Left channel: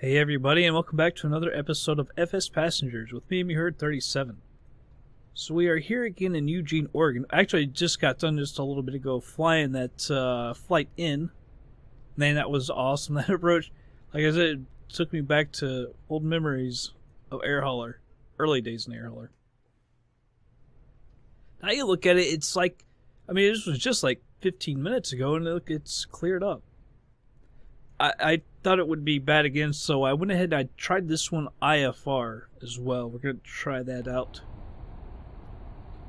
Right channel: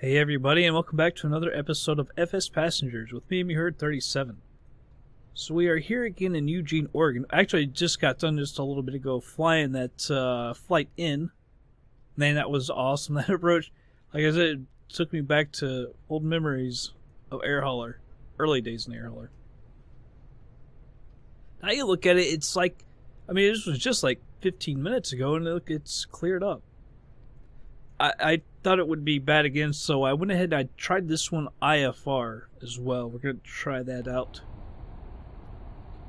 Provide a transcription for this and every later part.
Hey everybody, and welcome back to another episode of FsPassengers with me, Herd37. So we are here again in Eugene, Oregon. Actually, I just got done just a little bit ago flying that flight in. Man, that was awesome, that approach. Like I said, it took me back to old memories of air hauler. Early days in air hauler. Now you look at it, it's like, I mean, this was just like 15 minutes ago, and look, it's cleared up. I thought it would be bad again, so I went ahead and I tried this one IFR as well. We're going to try that out.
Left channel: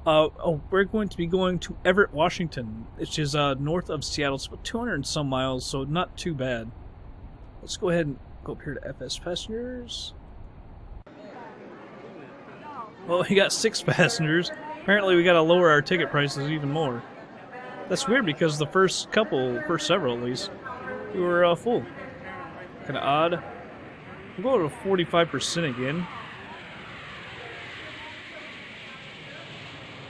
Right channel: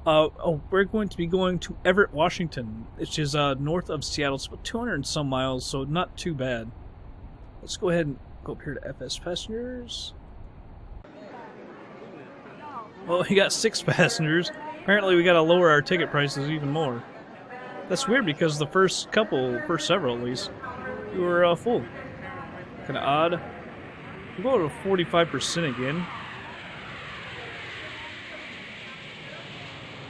We're going to be going to Everett, Washington, which is north of Seattle. It's about 200 and some miles, so not too bad. Let's go ahead and go up here to FsPassengers. Well, we got 6 passengers. Apparently we got to lower our ticket prices even more. That's weird because the first several at least, we were full. Kind of odd. We'll go to 45% again.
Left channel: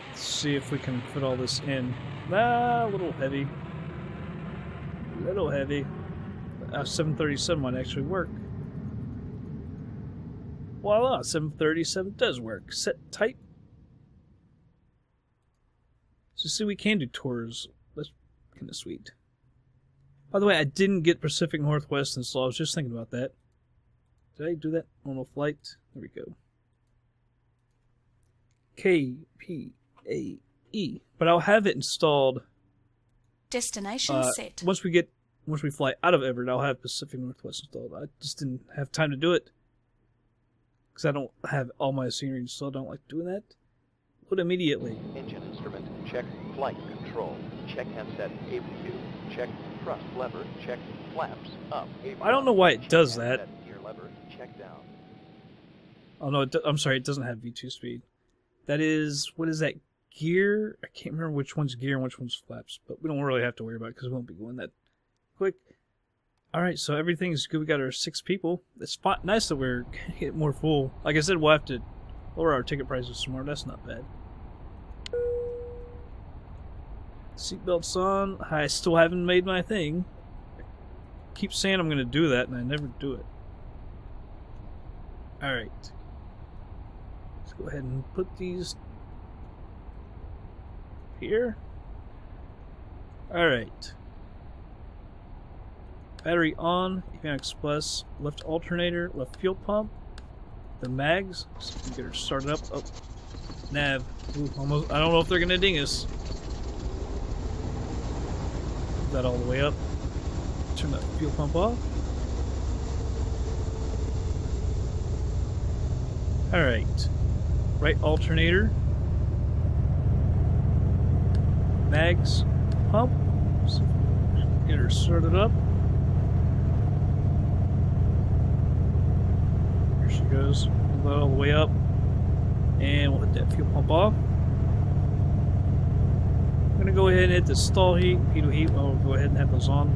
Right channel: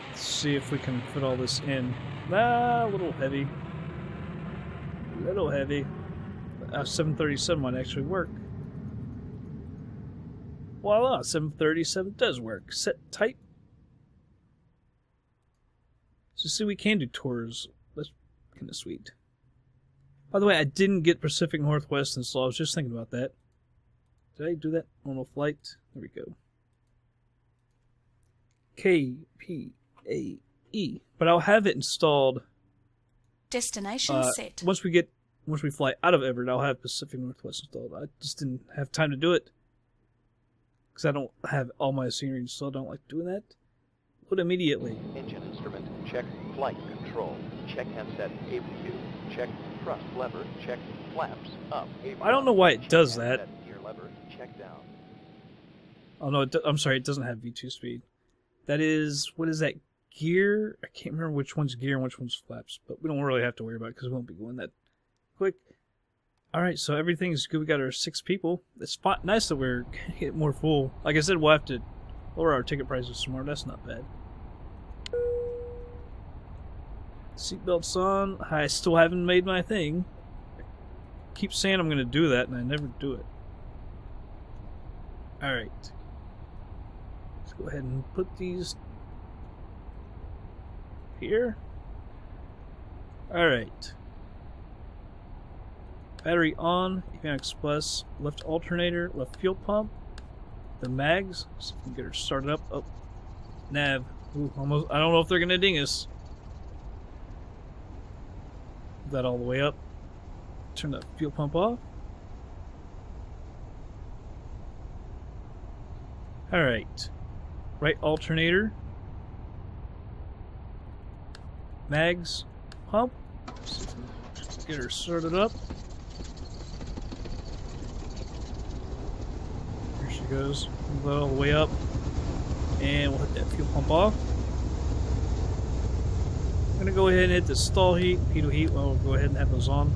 Let's see if we can fit all this in. A little heavy. A little heavy. 737 might actually work. Voila, 737 does work. Set tight. So see, we can do tours. That's kind of sweet. By the way, I didn't get Pacific Northwest installed. I was just thinking about that. Did I do that? Normal flight. There we go. KPAE. But I'll have it installed. Destination set. Once we fly out of Everett, I'll have Pacific Northwest installed. I just didn't have time to do it because I don't have all my scenery installed. I don't like doing that. Load immediately. Engine instrument, check flight control, check handset APU, check thrust lever, check flaps up. I don't know why it does that. Gear lever, check down. Oh no, I'm sorry, it doesn't have V2 speed. That is, what is that, gear? I can't remember which one's gear and which one's flaps, but we don't really have to worry about it because we won't be going that quick. Alright, so everything's good. We got our 6 people. It's nice that we're getting more full. Like I said, we'll have to lower our ticket prices some more. That's not bad. Seatbelts on. I still haven't made my thing. I keep saying I'm going to do that, and I never do it. Alright. Let's go ahead and put these here. Alright. Battery on. Avionics Plus. Left alternator. Left fuel pump. The mags. So we can get her started up. Oh. Nav. Ooh, almost. I don't know if they're going to ding us. That all the way up. Turn that fuel pump off. Alright. Right alternator. Mags. Pump. Get her started up. There she goes. Move that all the way up. And we'll hit that fuel pump off. I'm going to go ahead and hit the stall heat, pitot heat. Well, we'll go ahead and have those on.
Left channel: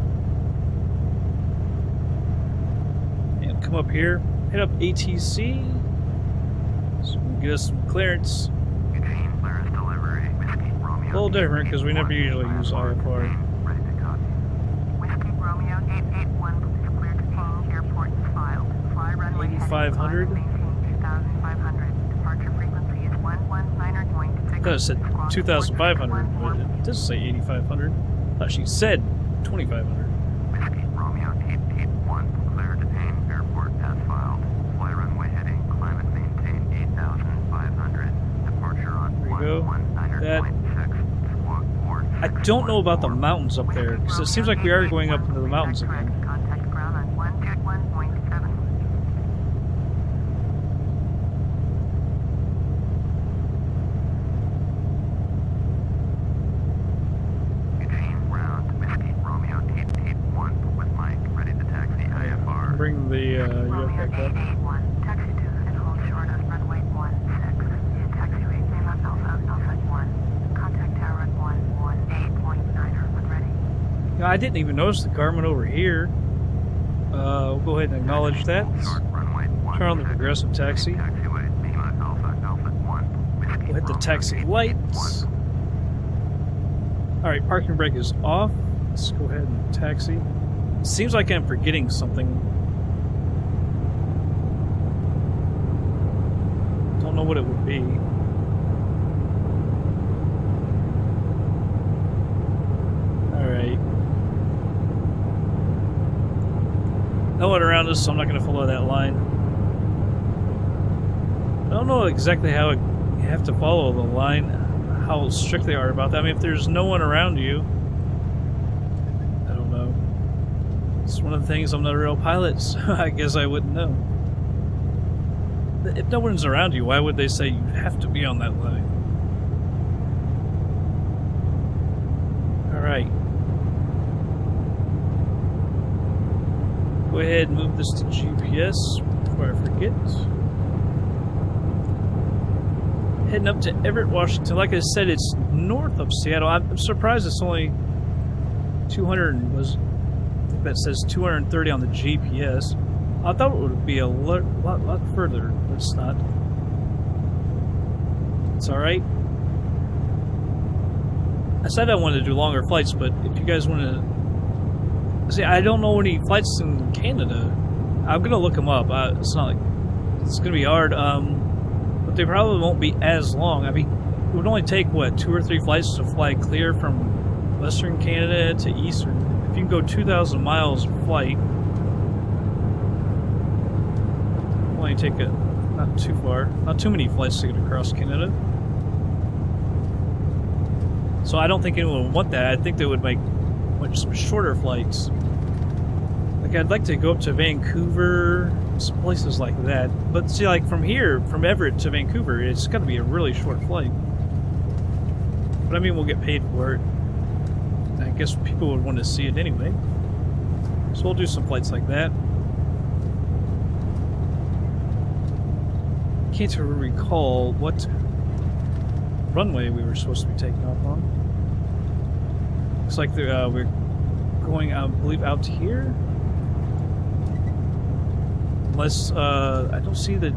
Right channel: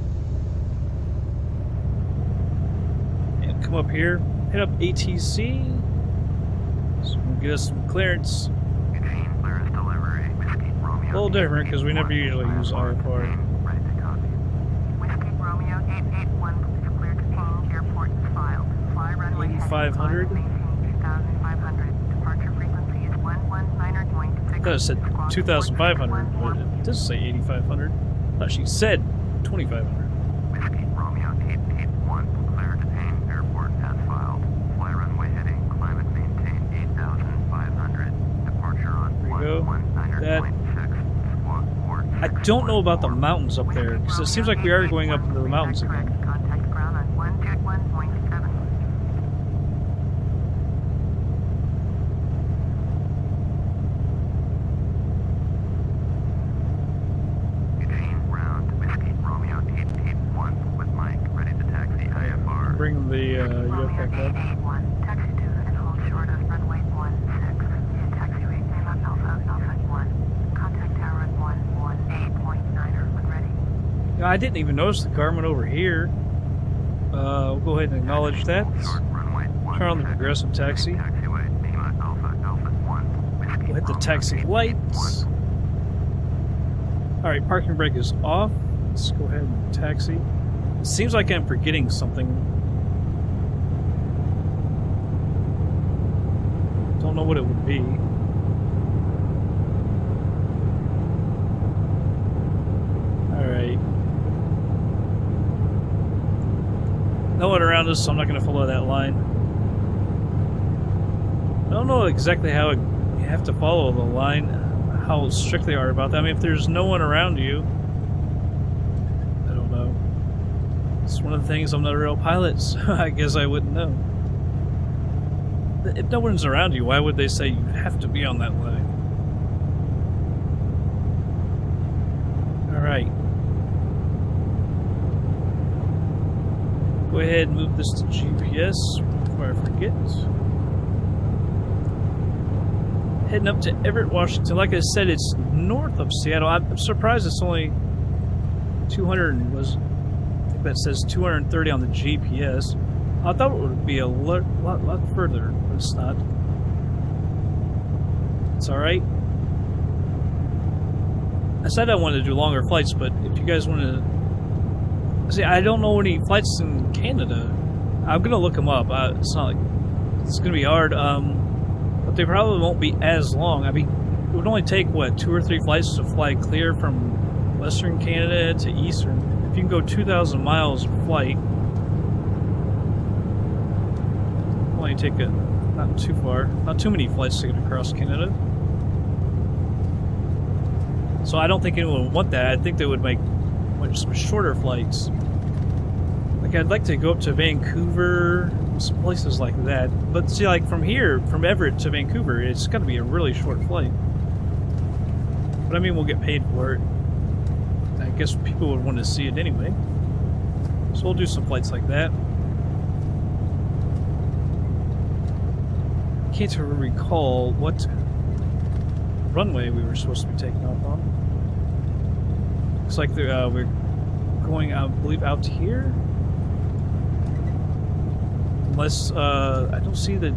And come up here, hit up ATC. So we can get us some clearance. Eugene, clearance delivery. Whiskey Romeo. A little different because we never usually use IFR. Ready to copy. Whiskey Romeo 881 is cleared to change. Airport is filed. Fly runway 8500. 2500. Departure frequency is 119.6. I thought it said 2,500, but it does say 8,500. I thought she said 2,500. Whiskey Romeo 881, clear to Detain Airport as filed. Fly runway heading, climate maintain 8,500. Departure on There you go. 119.6. Squawk 4. I don't know about the mountains up there, because it seems like we are going up into the mountains again. Contact ground on 121.7. Eugene, ground. Whiskey Romeo 881 with Mike, ready to taxi IFR. Bring the yacht Romeo back up. 881. Taxi to and hold short of runway 16. Hit taxiway Lima Alpha 1. Contact tower at 118.9 when ready. Yeah, I didn't even notice the Garmin over here. We'll go ahead and acknowledge that. Short runway Turn on the progressive taxi. Taxiway Lima Alpha 1. Whiskey We'll hit the Romeo taxi lights. Alright, parking brake is off. Let's go ahead and taxi. It seems like I'm forgetting something. Don't know what it would be. Alright. No one around us, so I'm not going to follow that line. I don't know exactly how you have to follow the line, how strict they are about that. I mean, if there's no one around you, I don't know. It's one of the things, I'm not a real pilot, so I guess I wouldn't know. If no one's around you, why would they say you have to be on that line? Alright. Go ahead and move this to GPS before I forget. Heading up to Everett, Washington. Like I said, it's north of Seattle. I'm surprised it's only 200 I think that says 230 on the GPS. I thought it would be a lot further, but it's not. It's alright. I said I wanted to do longer flights, but if you guys want to... See, I don't know any flights in Canada. I'm going to look them up. It's not like... It's going to be hard, but they probably won't be as long. I mean, it would only take, what, 2 or 3 flights to fly clear from Western Canada to Eastern. If you can go 2,000 miles flight... only take not too far, not too many flights to get across Canada. So I don't think anyone would want that. I think they would make much shorter flights. Like, I'd like to go up to Vancouver, some places like that. But see, like from here, from Everett to Vancouver, it's got to be a really short flight. But I mean, we'll get paid for it. I guess people would want to see it anyway. So we'll do some flights like that. I can't recall what runway we were supposed to be taking off on. Looks like we're going, I believe, out here. Unless, I don't see the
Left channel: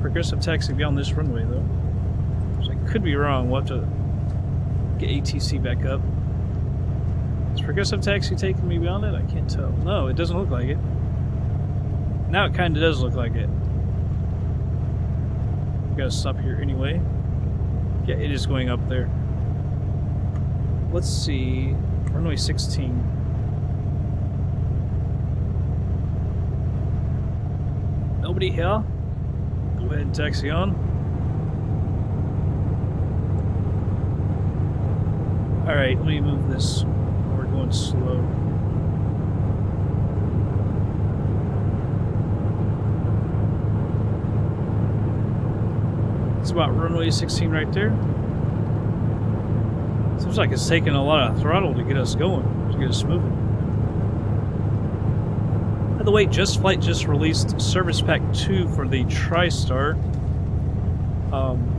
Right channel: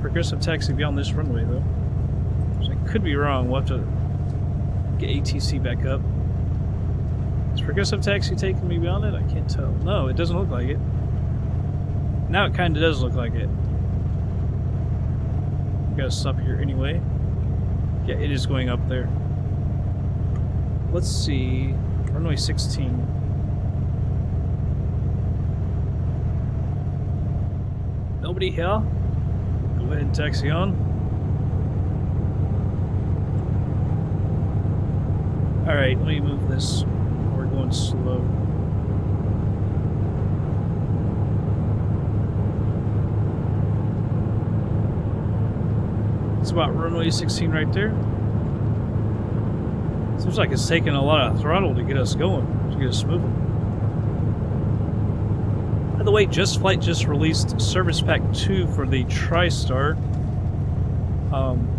progressive taxi beyond this runway, though. So I could be wrong. We'll have to get ATC back up. Is progressive taxi taking me beyond it? I can't tell. No, it doesn't look like it. Now it kind of does look like it. We gotta stop here anyway. Yeah, it is going up there. Let's see. Runway 16. Nobody here? Go ahead and taxi on. Alright, let me move this. We're going slow. It's about runway 16 right there. Seems like it's taking a lot of throttle to get us going, to get us moving. By the way, Just Flight just released Service Pack 2 for the TriStar.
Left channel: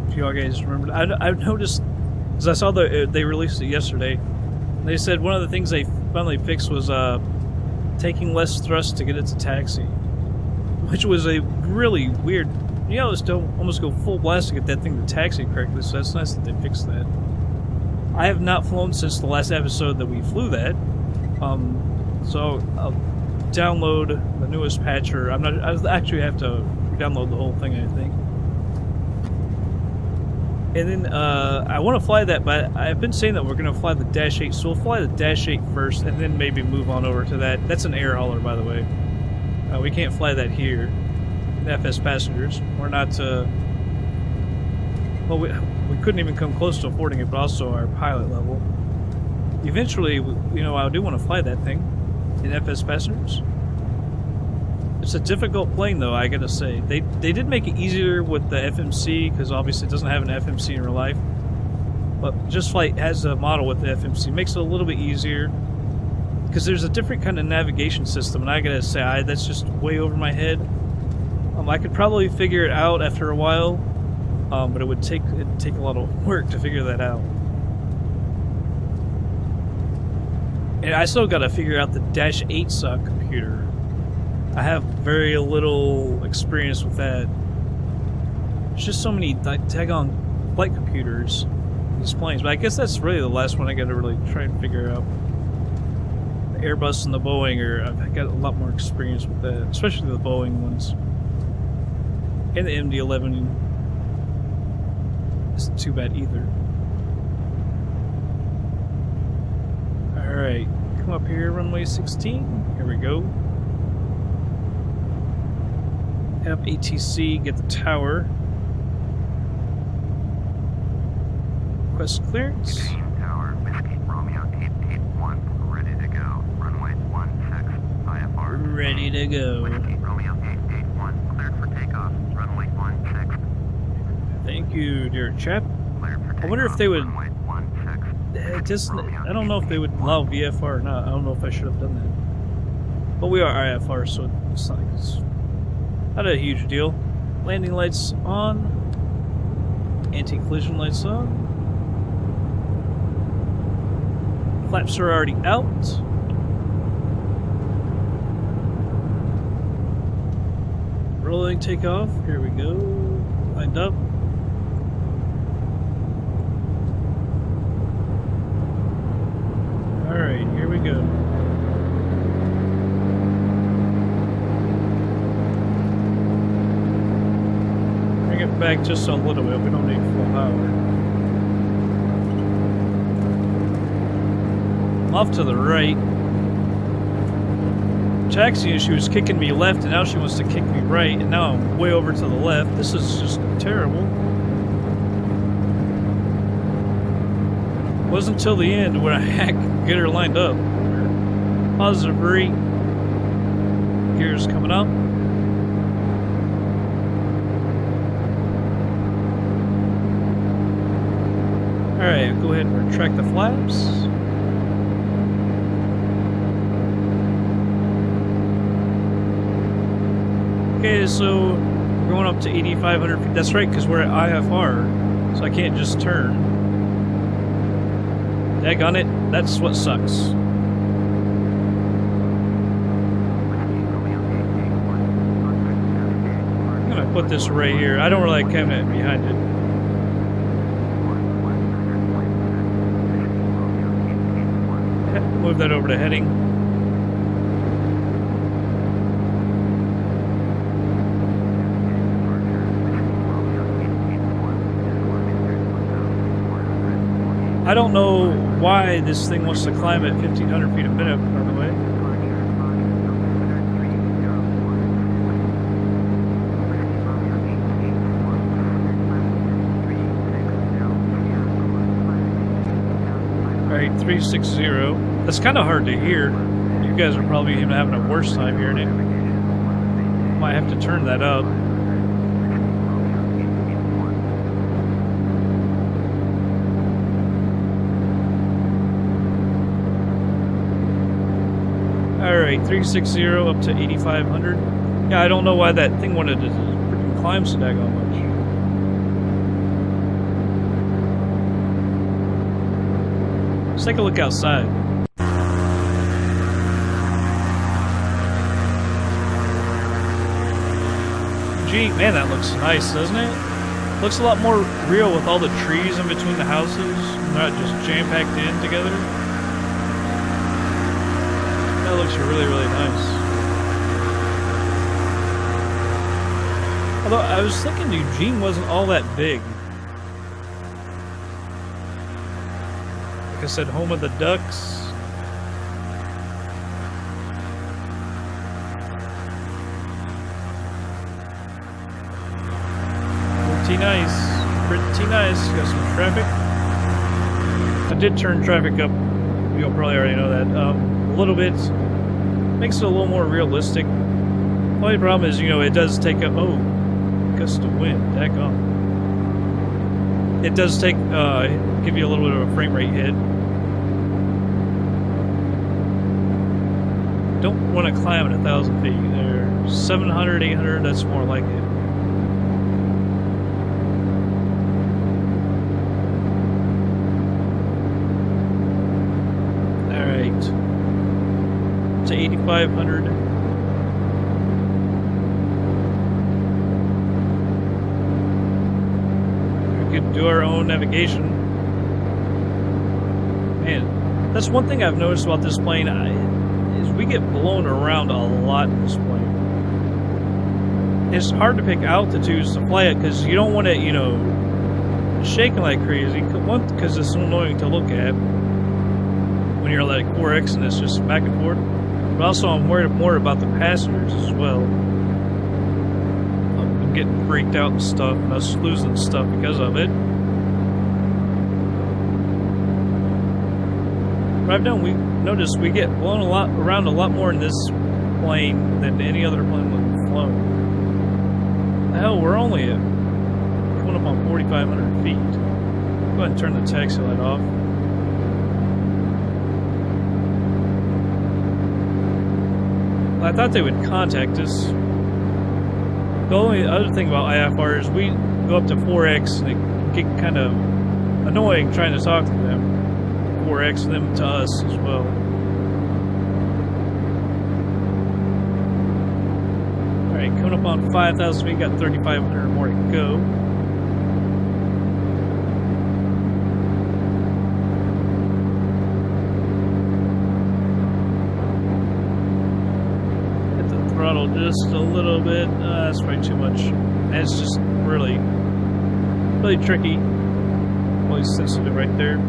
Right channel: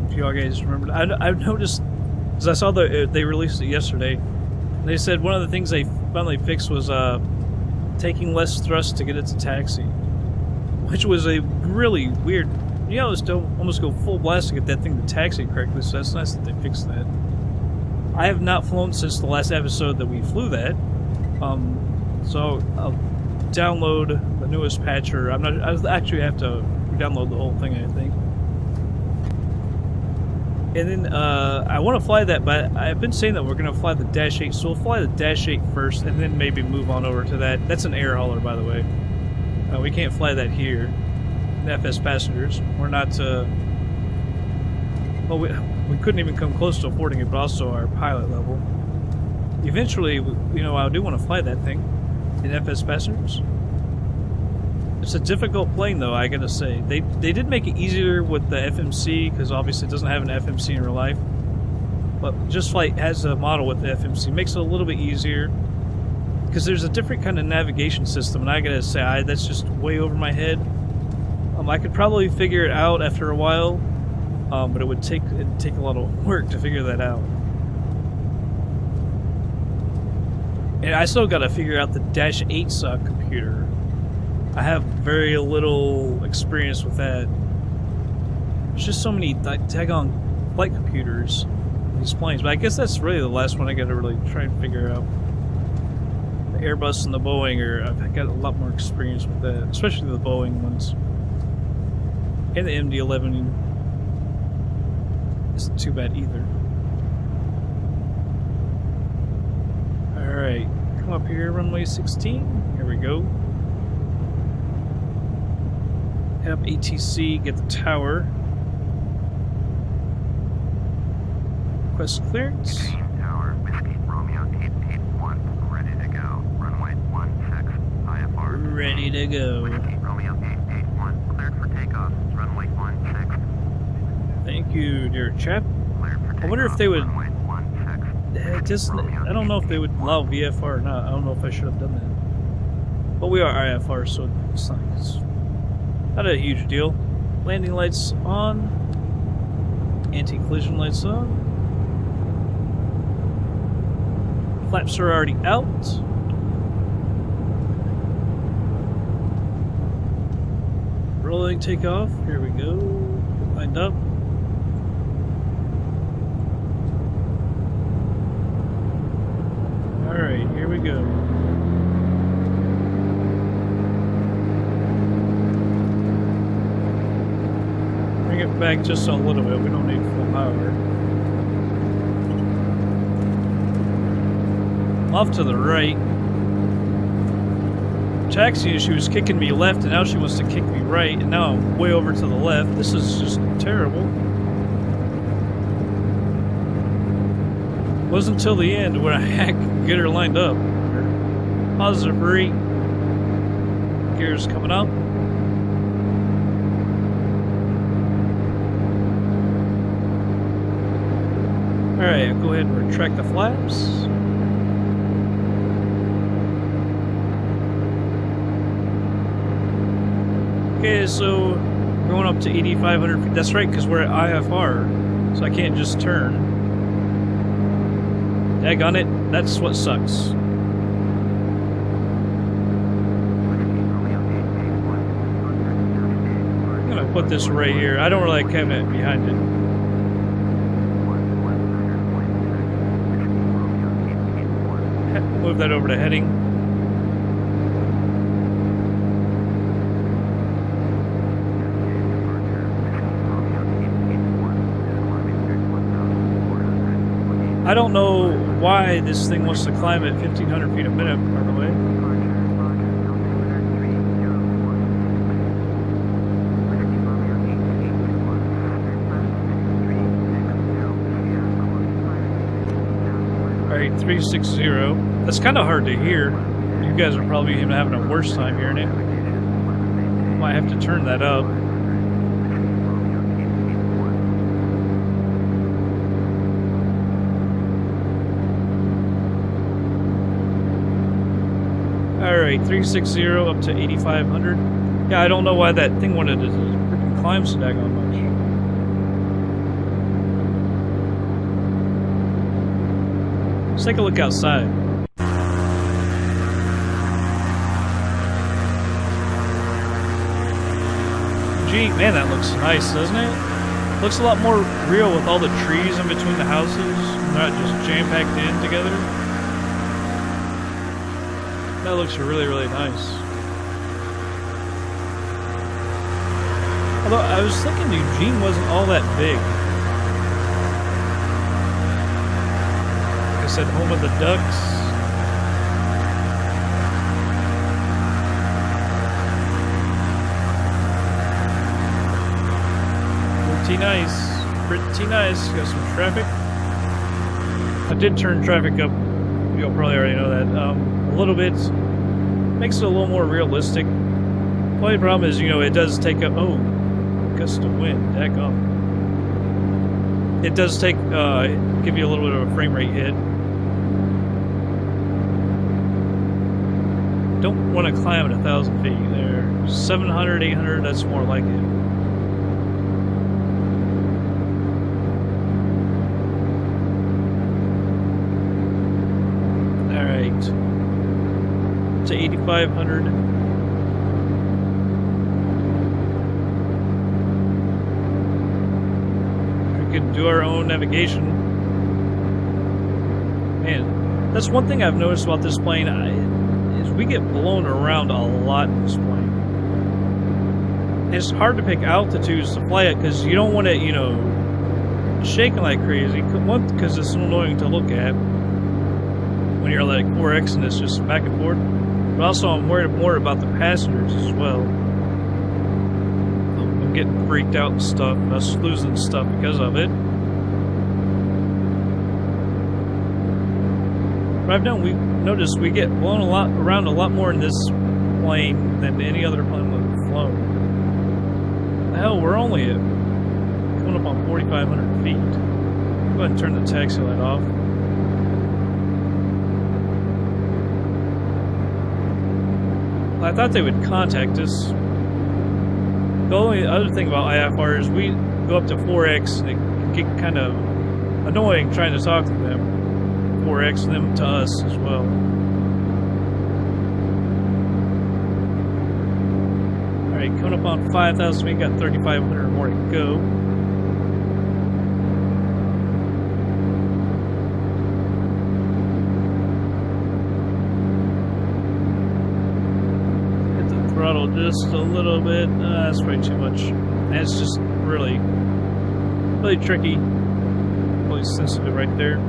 If you all guys remember, I've noticed, because I saw they released it yesterday. They said one of the things they finally fixed was taking less thrust to get it to taxi, which was a really weird. You know, just don't almost go full blast to get that thing to taxi correctly, so that's nice that they fixed that. I have not flown since the last episode that we flew that, so I'll download the newest patch, or I actually have to re-download the whole thing, I think. And then I want to fly that, but I've been saying that we're going to fly the Dash 8, so we'll fly the Dash 8 first, and then maybe move on over to that. That's an air hauler, by the way. We can't fly that here. FsPassengers. We're not, well, we couldn't even come close to affording it, but also our pilot level. Eventually, you know, I do want to fly that thing in FsPassengers. It's a difficult plane, though, I gotta say. They did make it easier with the FMC, because obviously it doesn't have an FMC in real life. But Just Flight has a model with the FMC. Makes it a little bit easier, because there's a different kind of navigation system, and I gotta say, that's just way over my head. I could probably figure it out after a while, but it'd take a lot of work to figure that out. And I still got to figure out the Dash 8 computer. I have very little experience with that. There's just so many daggone flight computers in these planes, but I guess that's really the last one I got to really try and figure out. The Airbus and the Boeing, I've got a lot more experience with that, especially the Boeing ones. And the MD-11 isn't too bad either. Alright, come up here, runway 16. Here we go. Head up ATC, get the tower. Request clearance. Eugene Tower, Whiskey Romeo 881, ready to go. Runway 16, IFR. Ready to go. Whiskey Romeo 881, cleared for takeoff. Runway 16. Thank you, dear chap. Cleared for takeoff. I wonder if they would. Runway 16. I don't know if they would allow VFR or not. I don't know if I should have done that. But we are IFR, so it's not a huge deal. Landing lights on. Anti-collision lights on. Flaps are already out. Rolling takeoff. Here we go. Lined up. Alright, here we go. Bring it back just a little bit. We don't need full power. Off to the right. Taxiing, she was kicking me left, and now she wants to kick me right, and now I'm way over to the left. This is just terrible. Wasn't until the end when I could get her lined up. Positive rate. Gears coming up. Alright, go ahead and retract the flaps. Okay, so we're going up to 8,500 feet. That's right, because we're at IFR, so I can't just turn. Daggone it, that's what sucks. I'm gonna put this right here. I don't really like having it behind it. Move that over to heading. I don't know why this thing wants to climb at 1,500 feet a minute, by the way. Alright, 360. That's kind of hard to hear. You guys are probably even having a worse time hearing it. Might have to turn that up. Alright, 360 up to 8,500. Yeah, I don't know why that thing wanted to freaking climb so daggone much. Let's take a look outside. Gee, man, that looks nice, doesn't it? Looks a lot more real with all the trees in between the houses, not just jam-packed in together. That looks really, really nice. Although, I was thinking Eugene wasn't all that big. Like I said, home of the Ducks. Pretty nice. Pretty nice. Got some traffic. I did turn traffic up. You'll probably already know that. A little bit. Makes it a little more realistic. The only problem is, it does take a... Oh, gust of wind. Daggone. It does take... give you a little bit of a frame rate hit. Don't want to climb at 1,000 feet. There, 700, 800, that's more like it. Alright. To 8,500. We could do our own navigation. Man, that's one thing I've noticed about this plane. Is we get blown around a lot in this plane. It's hard to pick altitudes to fly at because you don't want to, shaking like crazy. One, because it's annoying to look at when you're like 4X and it's just back and forth. But also, I'm worried more about the passengers as well. I'm getting freaked out and stuff, and us losing stuff because of it. But we noticed we get blown around a lot more in this plane than any other plane we've flown. The hell, we're only coming up on 4,500 feet. Go ahead and turn the taxi light off. I thought they would contact us. The only other thing about IFR is we go up to 4X and it can get kind of annoying trying to talk to them. 4X and them to us as well. Alright, coming up on 5,000 feet, got 3,500 more to go. Throttle just a little bit. That's probably too much. And it's just really tricky. Really sensitive right there.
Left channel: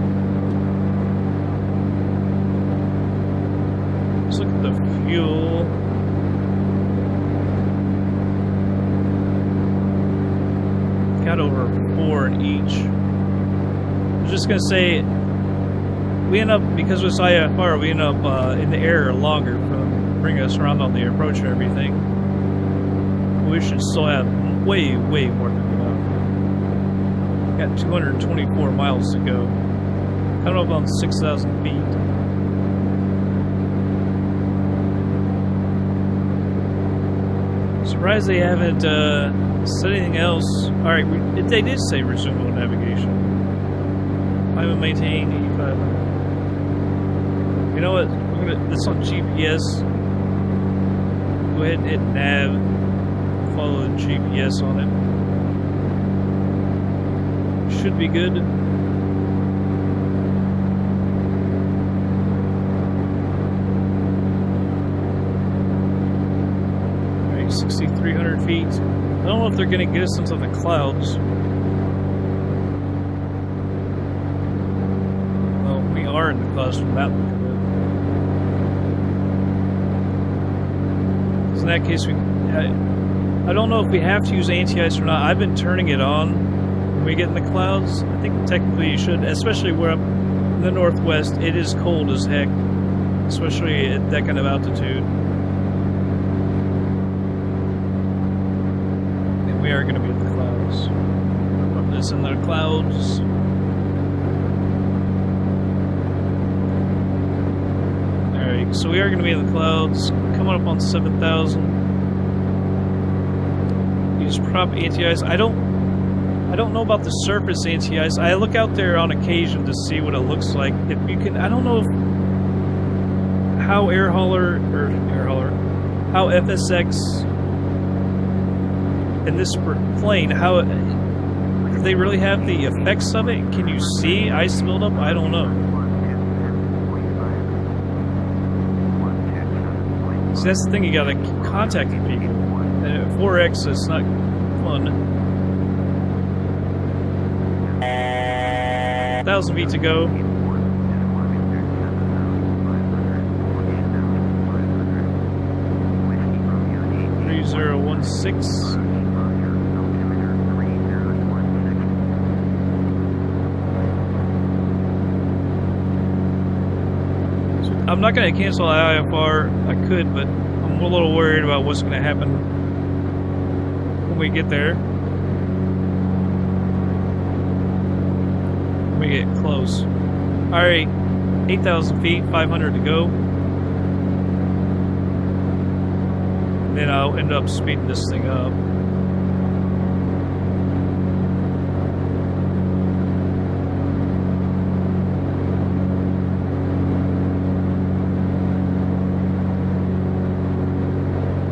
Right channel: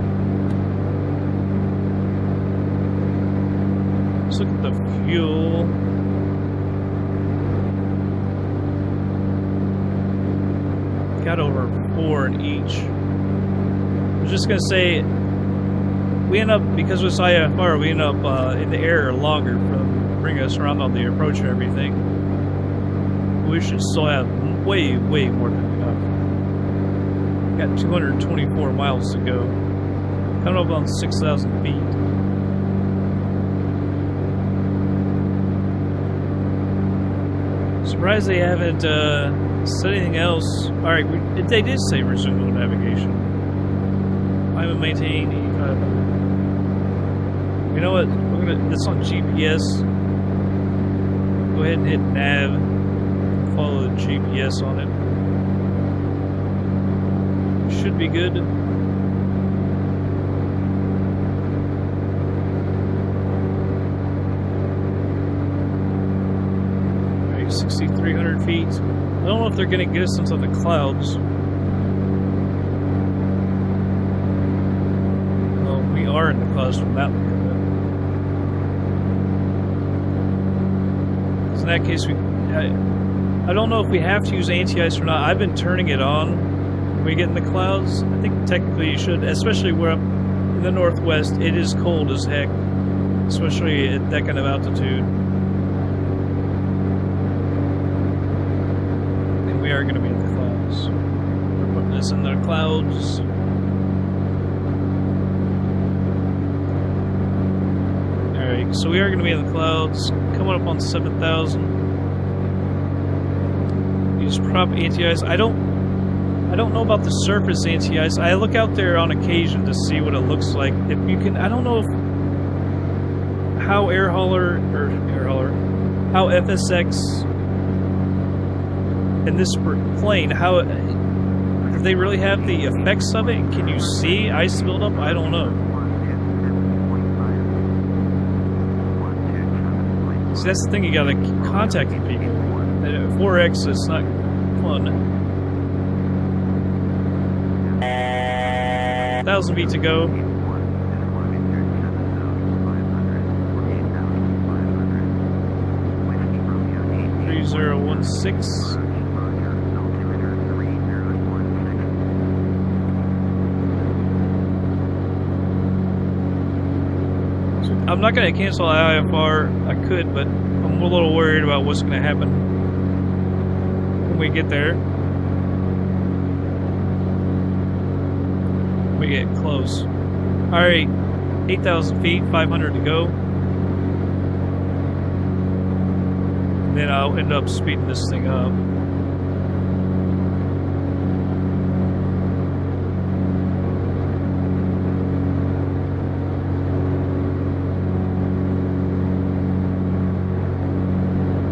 Let's look at the fuel. Got over 4 in each. I was just gonna say, we end up, because with IFR, we end up in the air longer from bring us around on the approach and everything. We should still have way more than enough. Got 224 miles to go. Coming up on 6,000 feet. Surprised they haven't said anything else. Alright, they did say resume mode navigation. Climb and maintain 8,500. You know what? This on GPS. Go ahead and hit nav. Follow the GPS on it. Should be good. Alright, 6,300 feet. I don't know if they're going to get us into the clouds. Well, we are in the clouds from that look of it. In that case, I don't know if we have to use anti-ice or not. I've been turning it on when we get in the clouds. I think technically you should, especially where up in the Northwest, it is cold as heck, especially at that kind of altitude. And we are going to be in the clouds. We're putting this in the clouds. Alright, so we are going to be in the clouds, coming up on 7,000. Use prop anti-ice. I don't know about the surface anti-ice. I look out there on occasion to see what it looks like. If you can, I don't know if how how FSX in this plane, how do they really have the effects of it? Can you see ice buildup? I don't know. See, that's the thing, you gotta keep contacting people. And at 4X, it's not fun. 1,000 feet to go. 3016. I'm not going to cancel IFR. I could, but I'm a little worried about what's going to happen when we get there. When we get close. Alright, 8,000 feet, 500 to go. And then I'll end up speeding this thing up.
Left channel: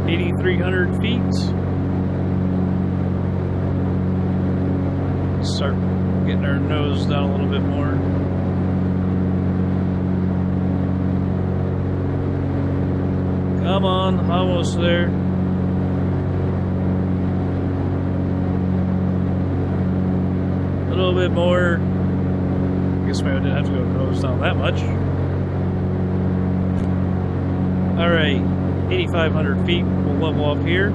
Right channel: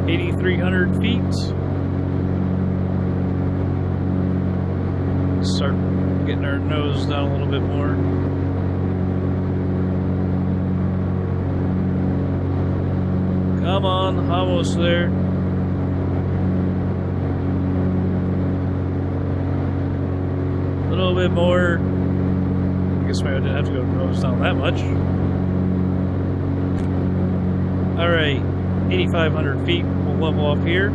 $8,300 feet. Start getting our nose down a little bit more. Come on, almost there. little bit more. I guess maybe I didn't have to go nose down that much. Alright, 8,500 feet. We'll level off here. I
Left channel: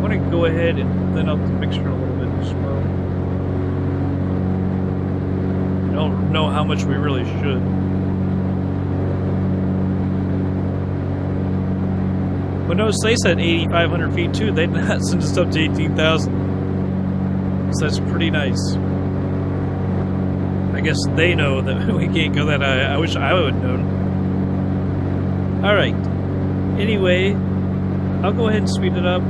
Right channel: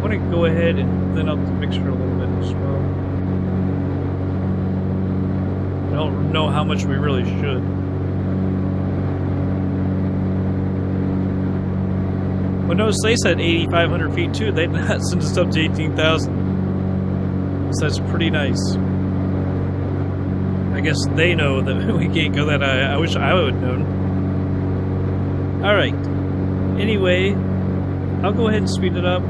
want to go ahead and thin out the mixture a little bit as well. I don't know how much we really should. But notice they said 8,500 feet too. They did not send us up to 18,000. So that's pretty nice. I guess they know that we can't go that high. I wish I would have known. Alright. Anyway, I'll go ahead and speed it up.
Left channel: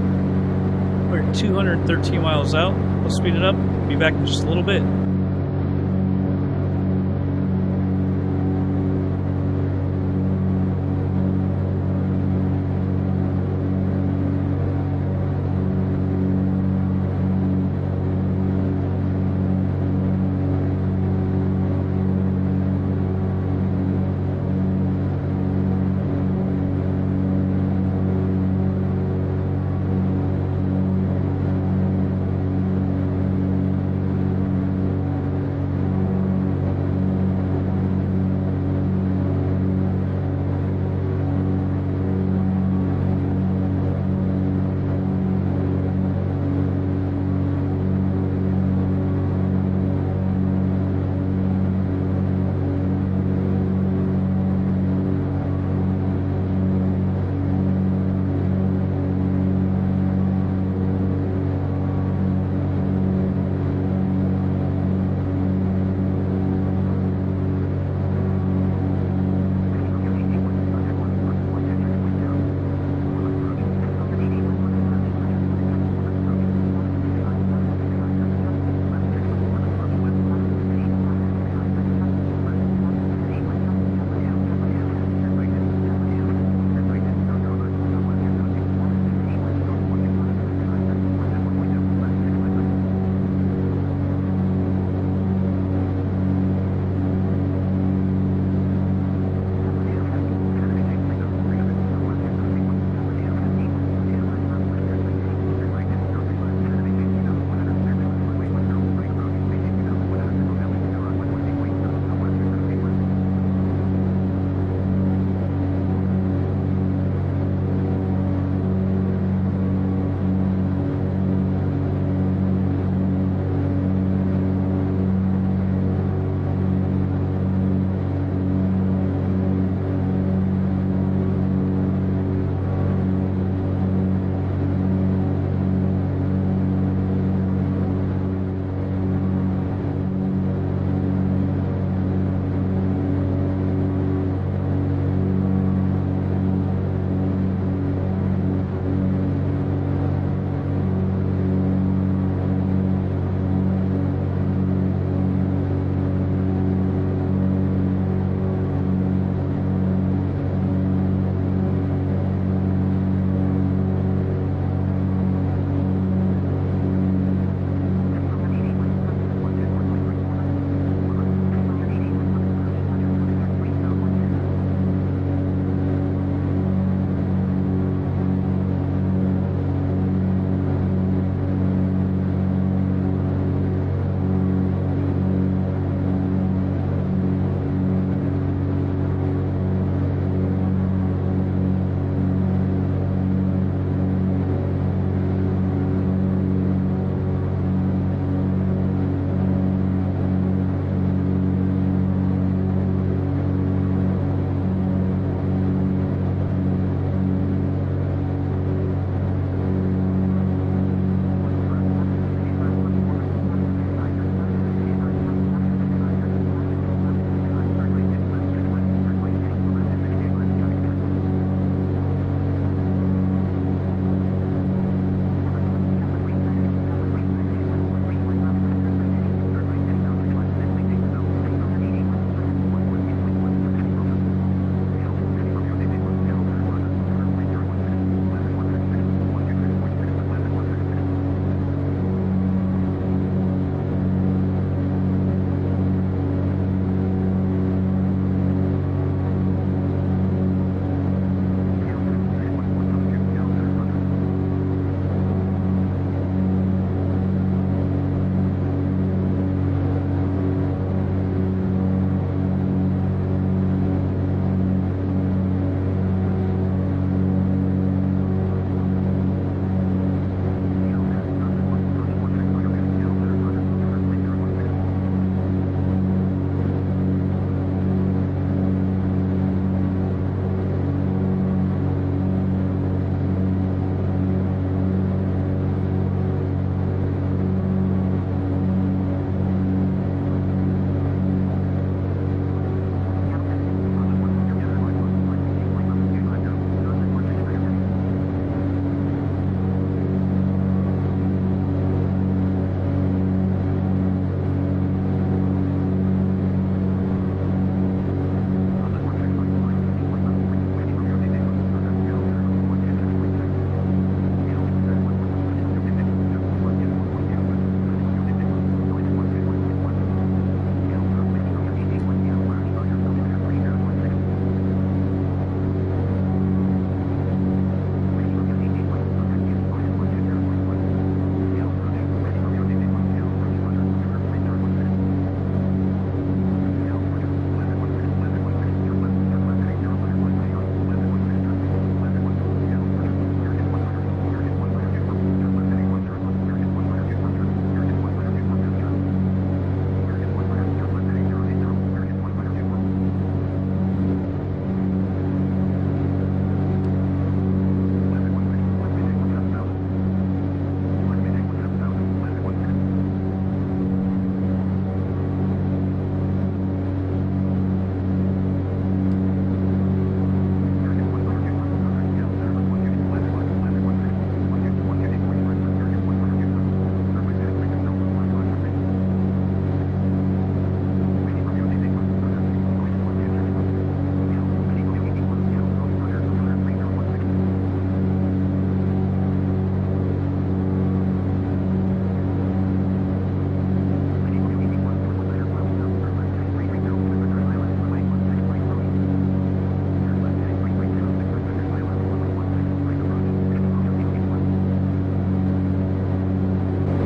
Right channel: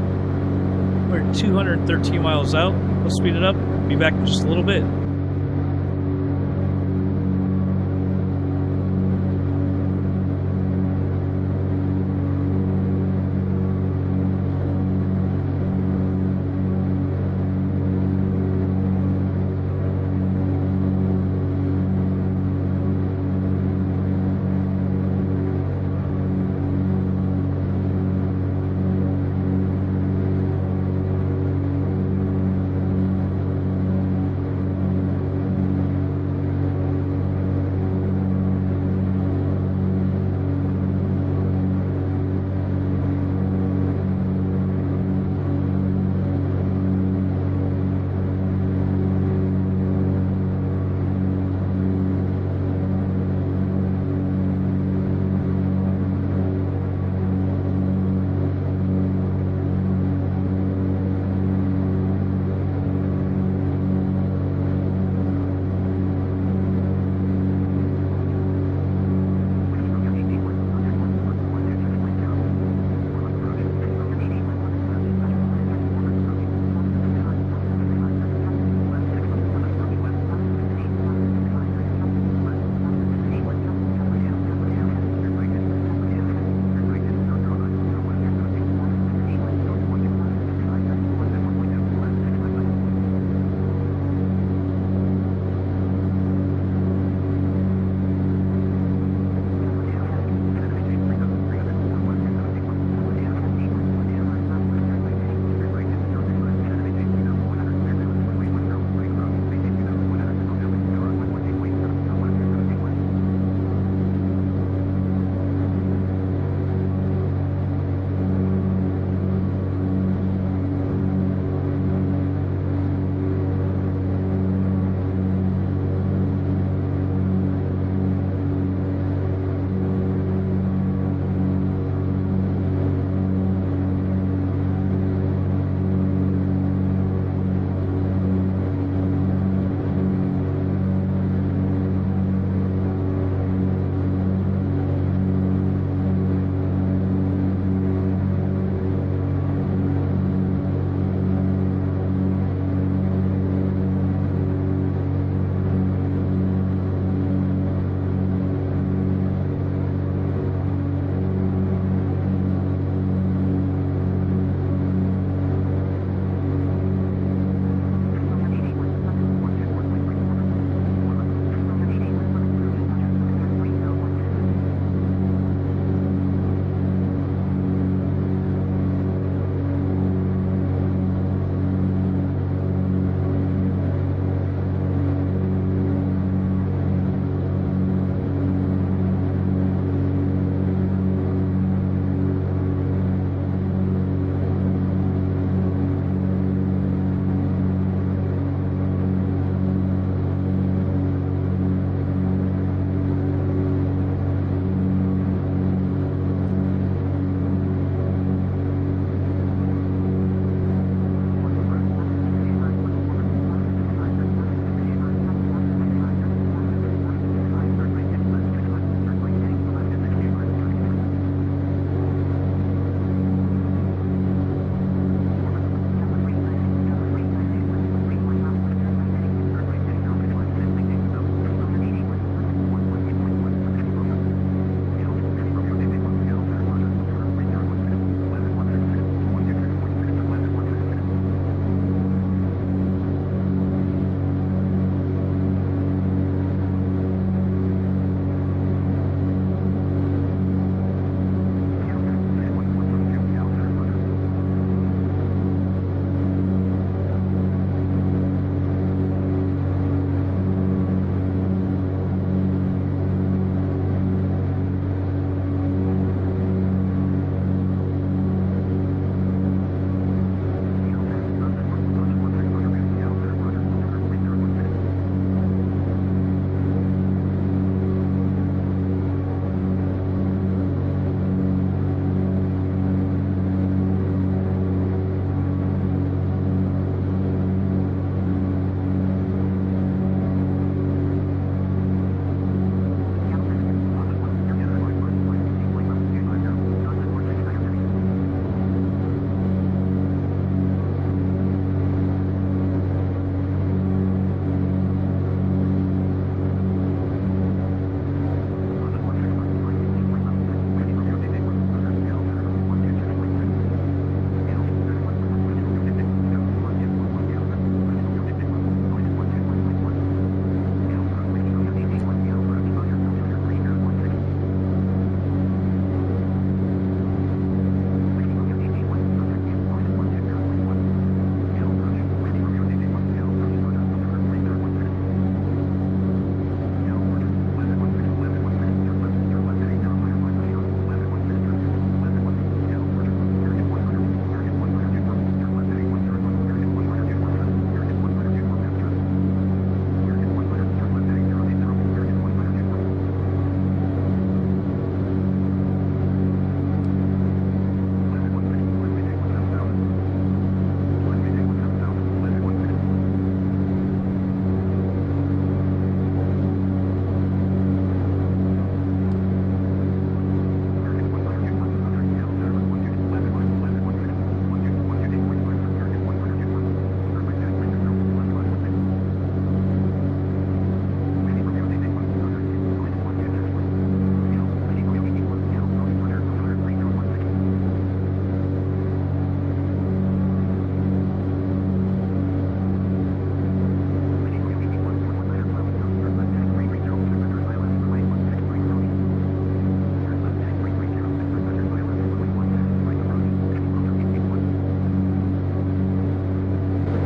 We're 213 miles out. I'll speed it up. Be back in just a little bit.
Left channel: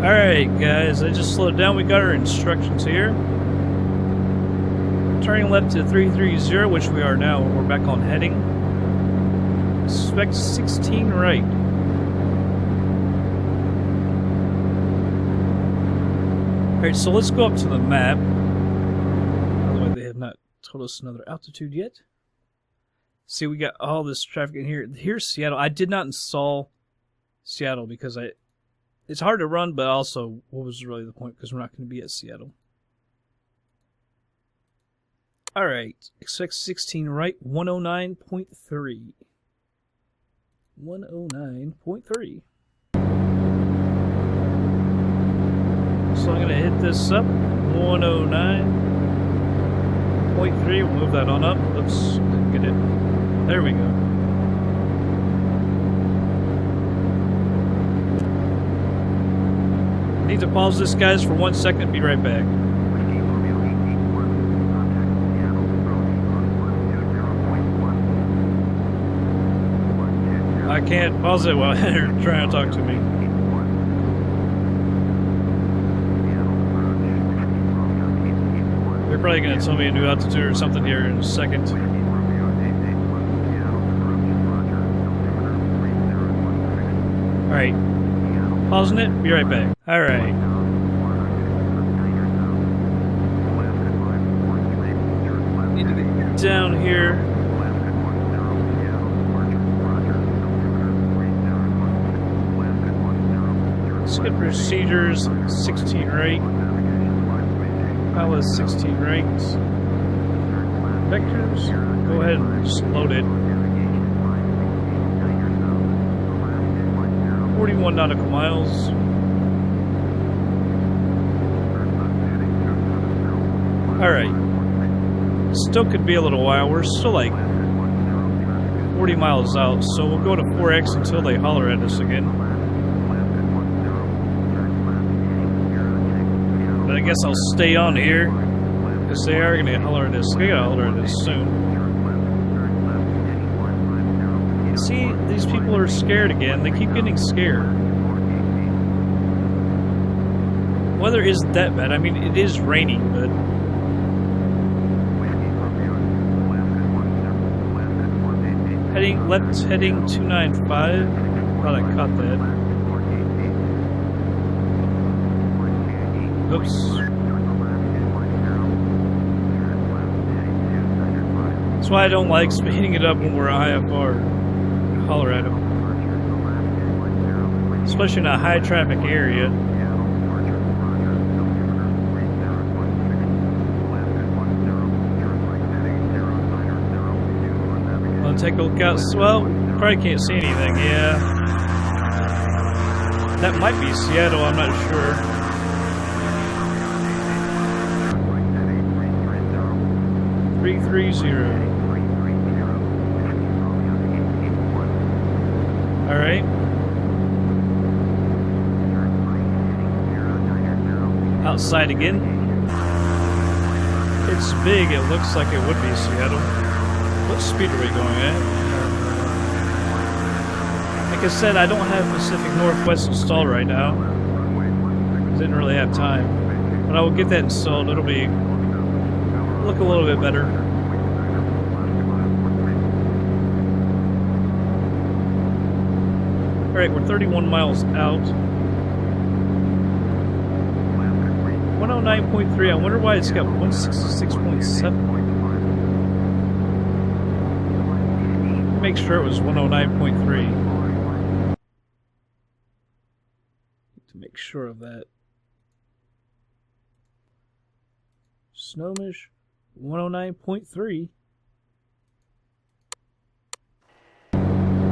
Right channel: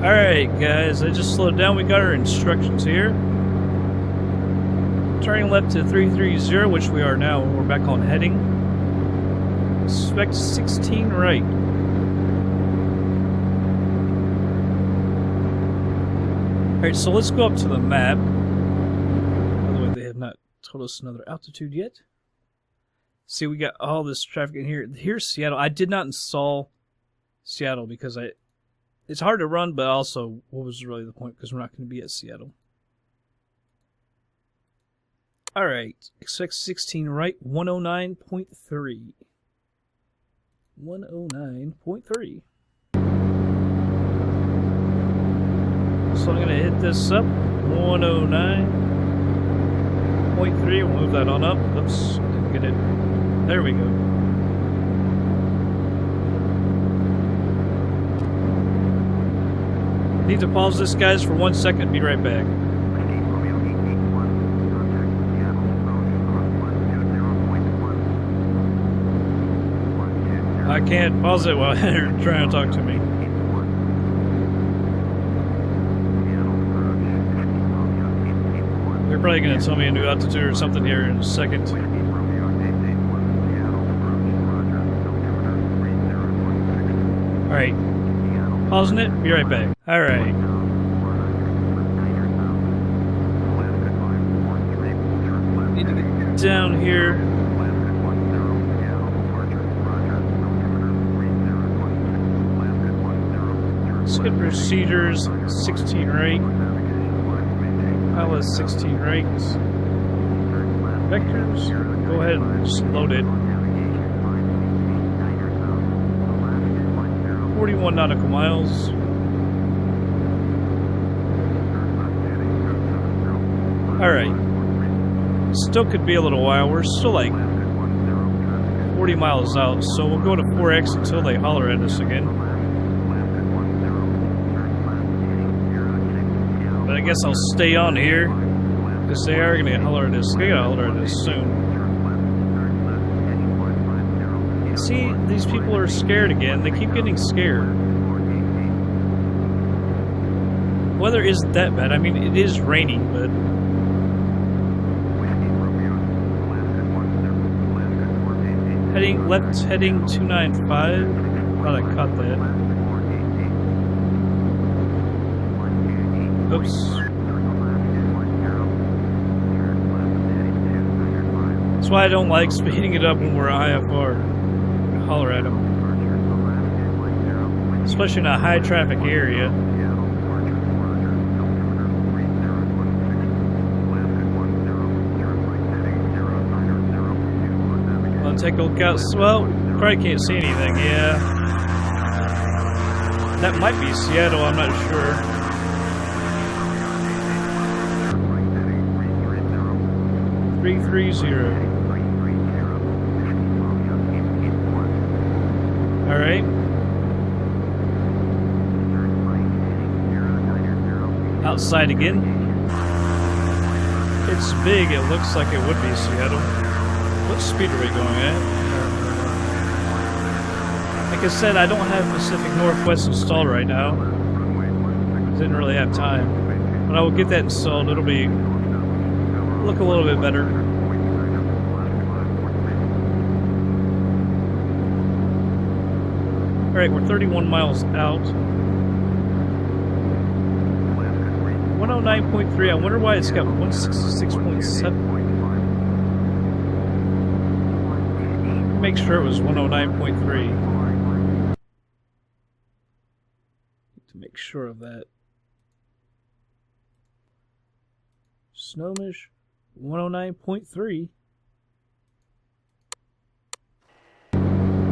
Alright, guys, I just slowed down. We got our instructions here. Turning left to 330, which we are now. We're back on heading. Expect 16 right. Alright, so let's go up to the map. By the way, they have not told us another altitude yet. See, we got all this traffic in here. Here's Seattle. I did not install Seattle because it's hard to run, but also, what was really the point? Because we're not going to be at Seattle. Alright, expect 16 right, 109.3. 109.3. So I'm going to hit this up, 109.3, we'll move that on up. Oops, didn't get it. There we go. Need to pause this, guys, for 1 second, be right back. I can't pause it while you're trying to talk to me. They're probably going to tell me a new altitude or something here in a second. Alright. Pausing it. Be right back. Alright. Need to get down here. Skip procedures. 16 right. Pilot 16 right. Vectors. Go ahead and just load it. 41 nautical miles. Alright. Still could be a little while. We're still like 40 miles out, so we'll go to 4X until they holler at us again. But I guess I'll stay on here, because they are going to holler at us. They got to holler at us soon. See, these people are scared again. They keep getting scared. Weather isn't that bad. I mean, it is raining, but... Heading left, heading 295. Thought I caught that. Oops. That's why I don't like speeding it up when we're IFR. Holler at them. Especially in a high traffic area. I'll take a look out. Well, probably can't see anything, yeah. That might be Seattle, I'm not sure. .330. Alright. Outside again. It's big, it looks like it would be Seattle. What speed are we going at? Like I said, I don't have Pacific Northwest installed right now. Didn't really have time. But I will get that installed, it'll be look a little bit better. Alright, we're 31 miles out. 109.3. I wonder why it's got 166.7. Make sure it was 109.3. To make sure of that. Snowish 109.3.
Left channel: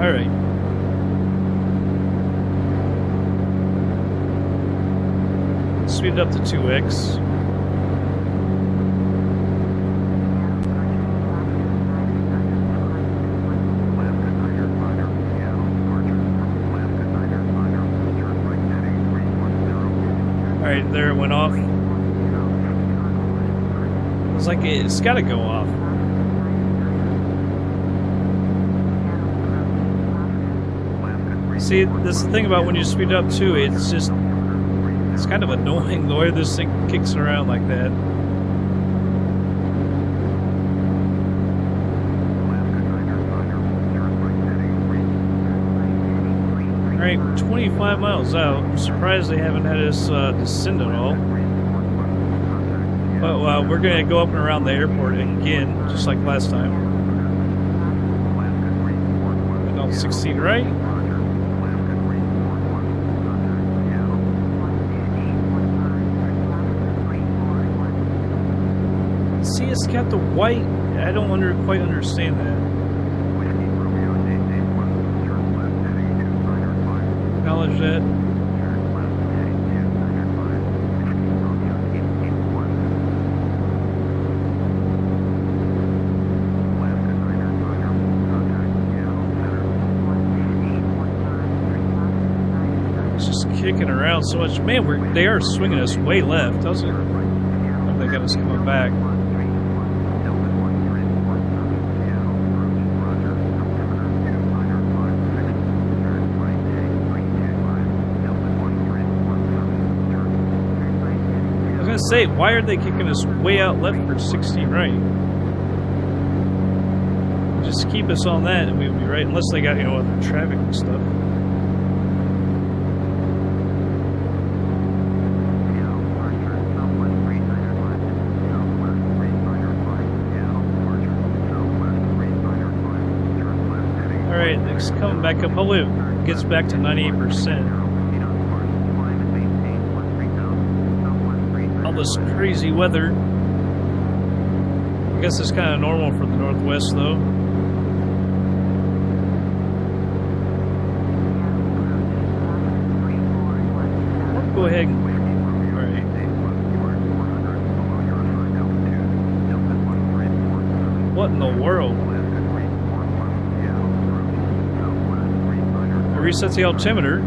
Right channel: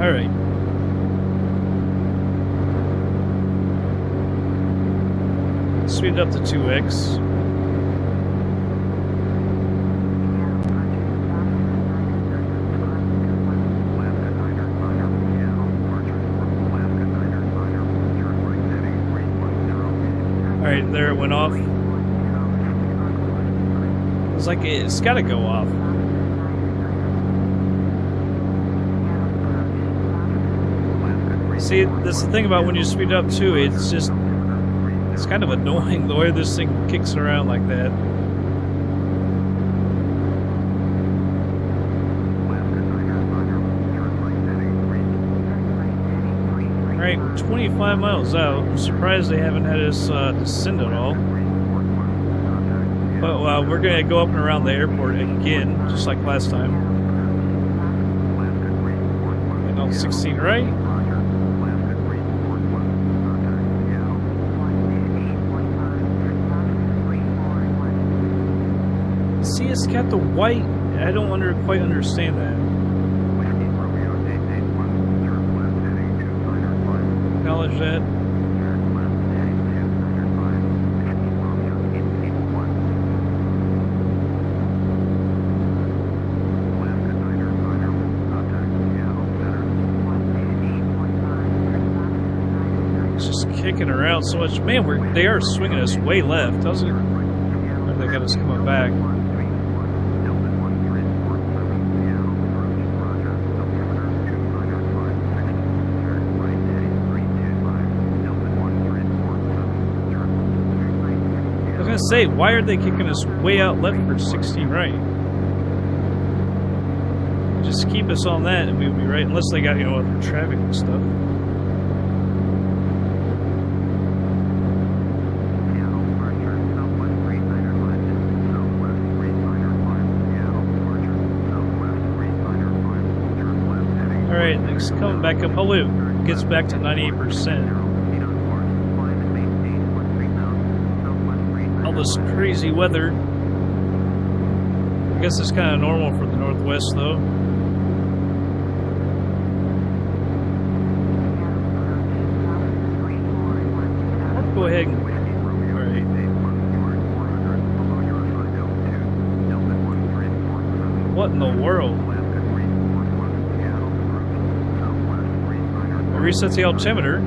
Alright. Speed it up to 2x. Alright, there it went off. It's like it's gotta go off. See, that's the thing about when you speed up too, it's just It's kind of annoying the way this thing kicks around like that. Alright, we're 25 miles out. I'm surprised they haven't had us descend at all. But we're going to go up and around the airport again, just like last time. And on 16 right. See, it's got the white. I don't quite understand that. Acknowledge that. It's just kicking around so much. Man, they are swinging us way left. How's it? Oh, they got us coming back. I was gonna say, why are they kicking us way out left for 16 right? Just keep us on that and we'll be right, unless they got, other traffic and stuff. Alright, it's coming back up. Hopefully it gets back to 98%. All this crazy weather. I guess it's kind of normal for the Northwest, though. I'll go ahead and... Alright. What in the world? I reset the altimeter.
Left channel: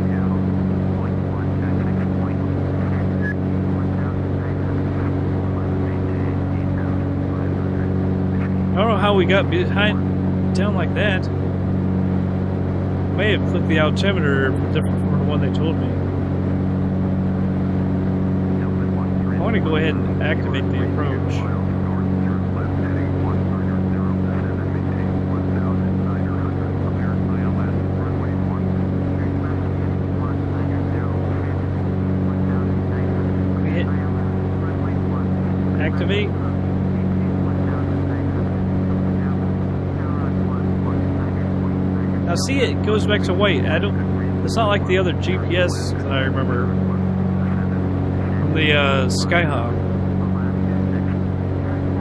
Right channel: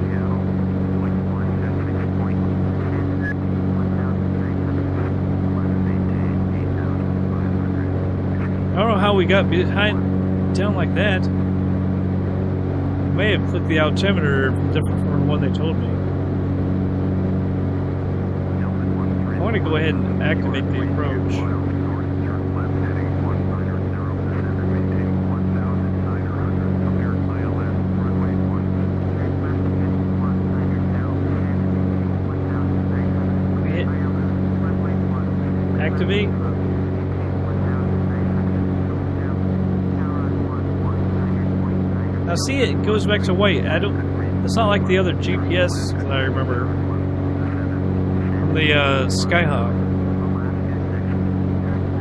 I don't know how we got down like that. I may have clicked the altimeter different from the one they told me. I want to go ahead and activate the approach. Hit activate. Now see, it goes back to white. It's not like the other GPS that I remember from the Skyhawk.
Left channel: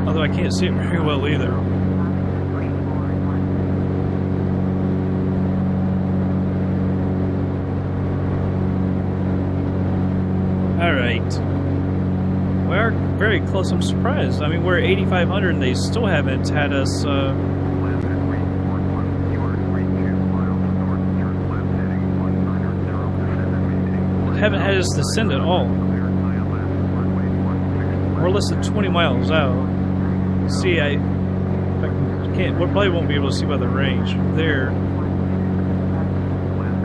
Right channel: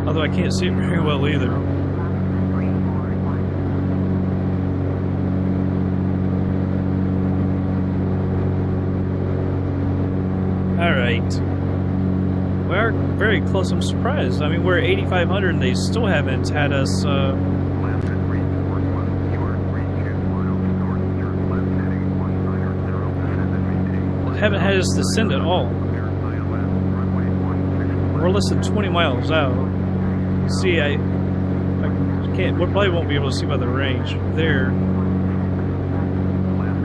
Although I can't see it very well either. Alright. We are very close. I'm surprised. I mean, we're at 8,500 and they still haven't had us... haven't had us descend at all. We're less than 20 miles out. See, I can't. We probably won't be able to see by the range. There,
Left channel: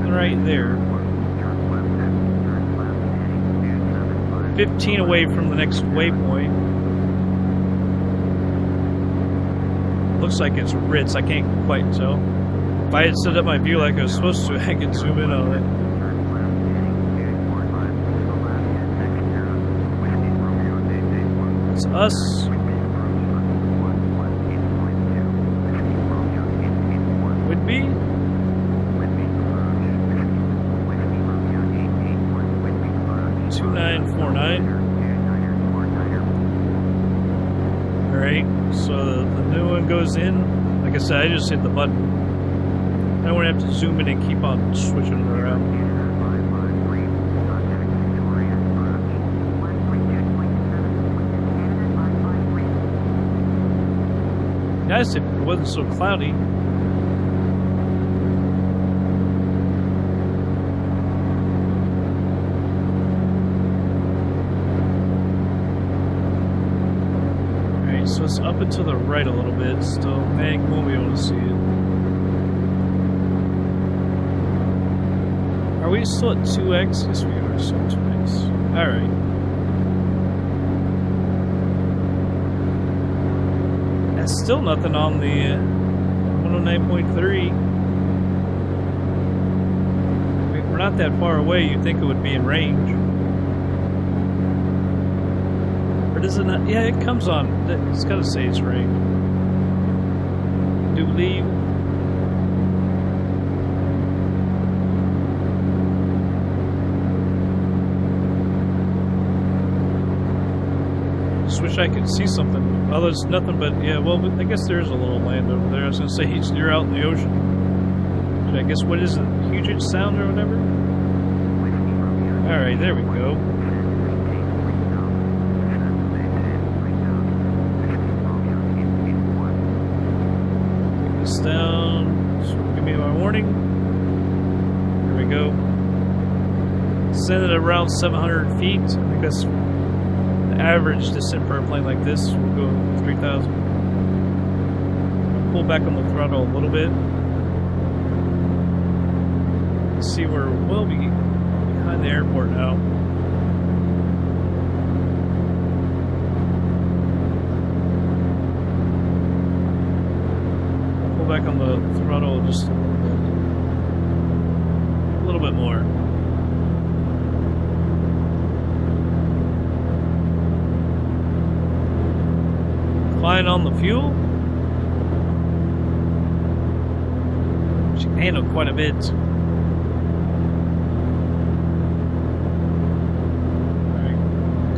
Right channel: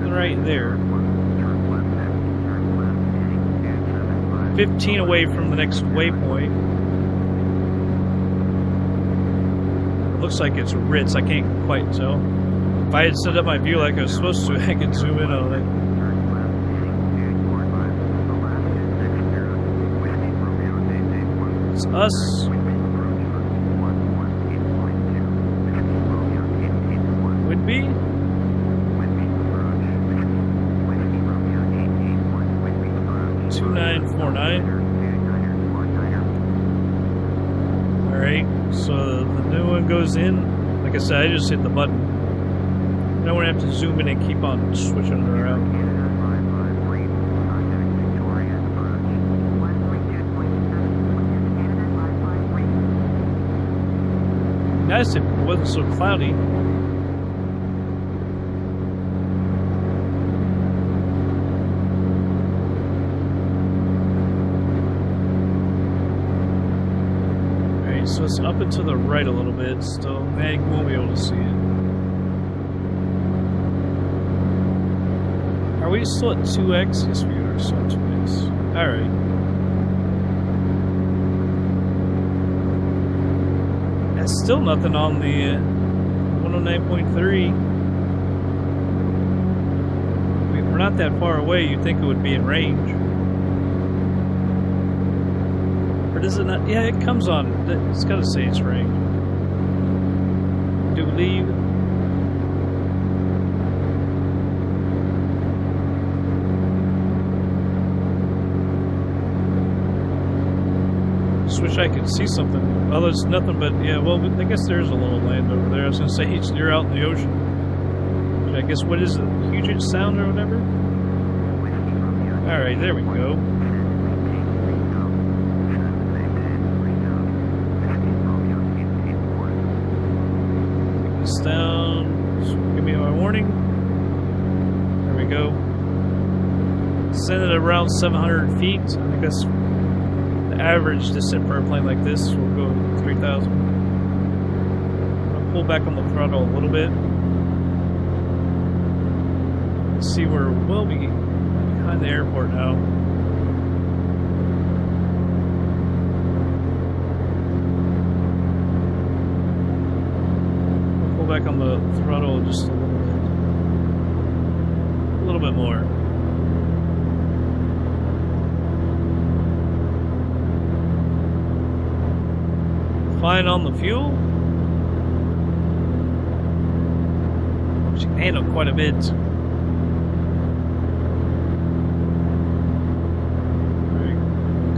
right there. 15 away from the next waypoint. It looks like it's Ritz. I can't quite tell. If I had set up my view like I was supposed to, I could zoom in on it. It's us. Would be. 2949. Alright, so the new one goes in. Like I said, I just hit the button. I don't want to have to zoom in and keep on switching it around. Nice if it wasn't so cloudy. Alright, so it's up and to the right a little bit still. Mag won't be able to see it. Are we still at 2x? Yes, we are still at 2x. Alright. That's still nothing on the 109.3. We're not that far away. You'd think it would be in range. Or does it not? Yeah, it comes on. It's got to say it's range. Do we leave? Just wish I could see something. Well, there's nothing but, yeah, well, I guess there's a little land over there. I was going to say, you're out in the ocean. I guess, what is it? Puget Sound or whatever? Alright, there we go. Take this down. Give me my warning. There we go. Send it around 700 feet. I think that's the average descent for a plane like this. We'll go 3,000. I'll pull back on the throttle a little bit. See, we're well behind the airport now. I'll pull back on the throttle just a little bit. A little bit more. Fine on the fuel. She can handle quite a bit.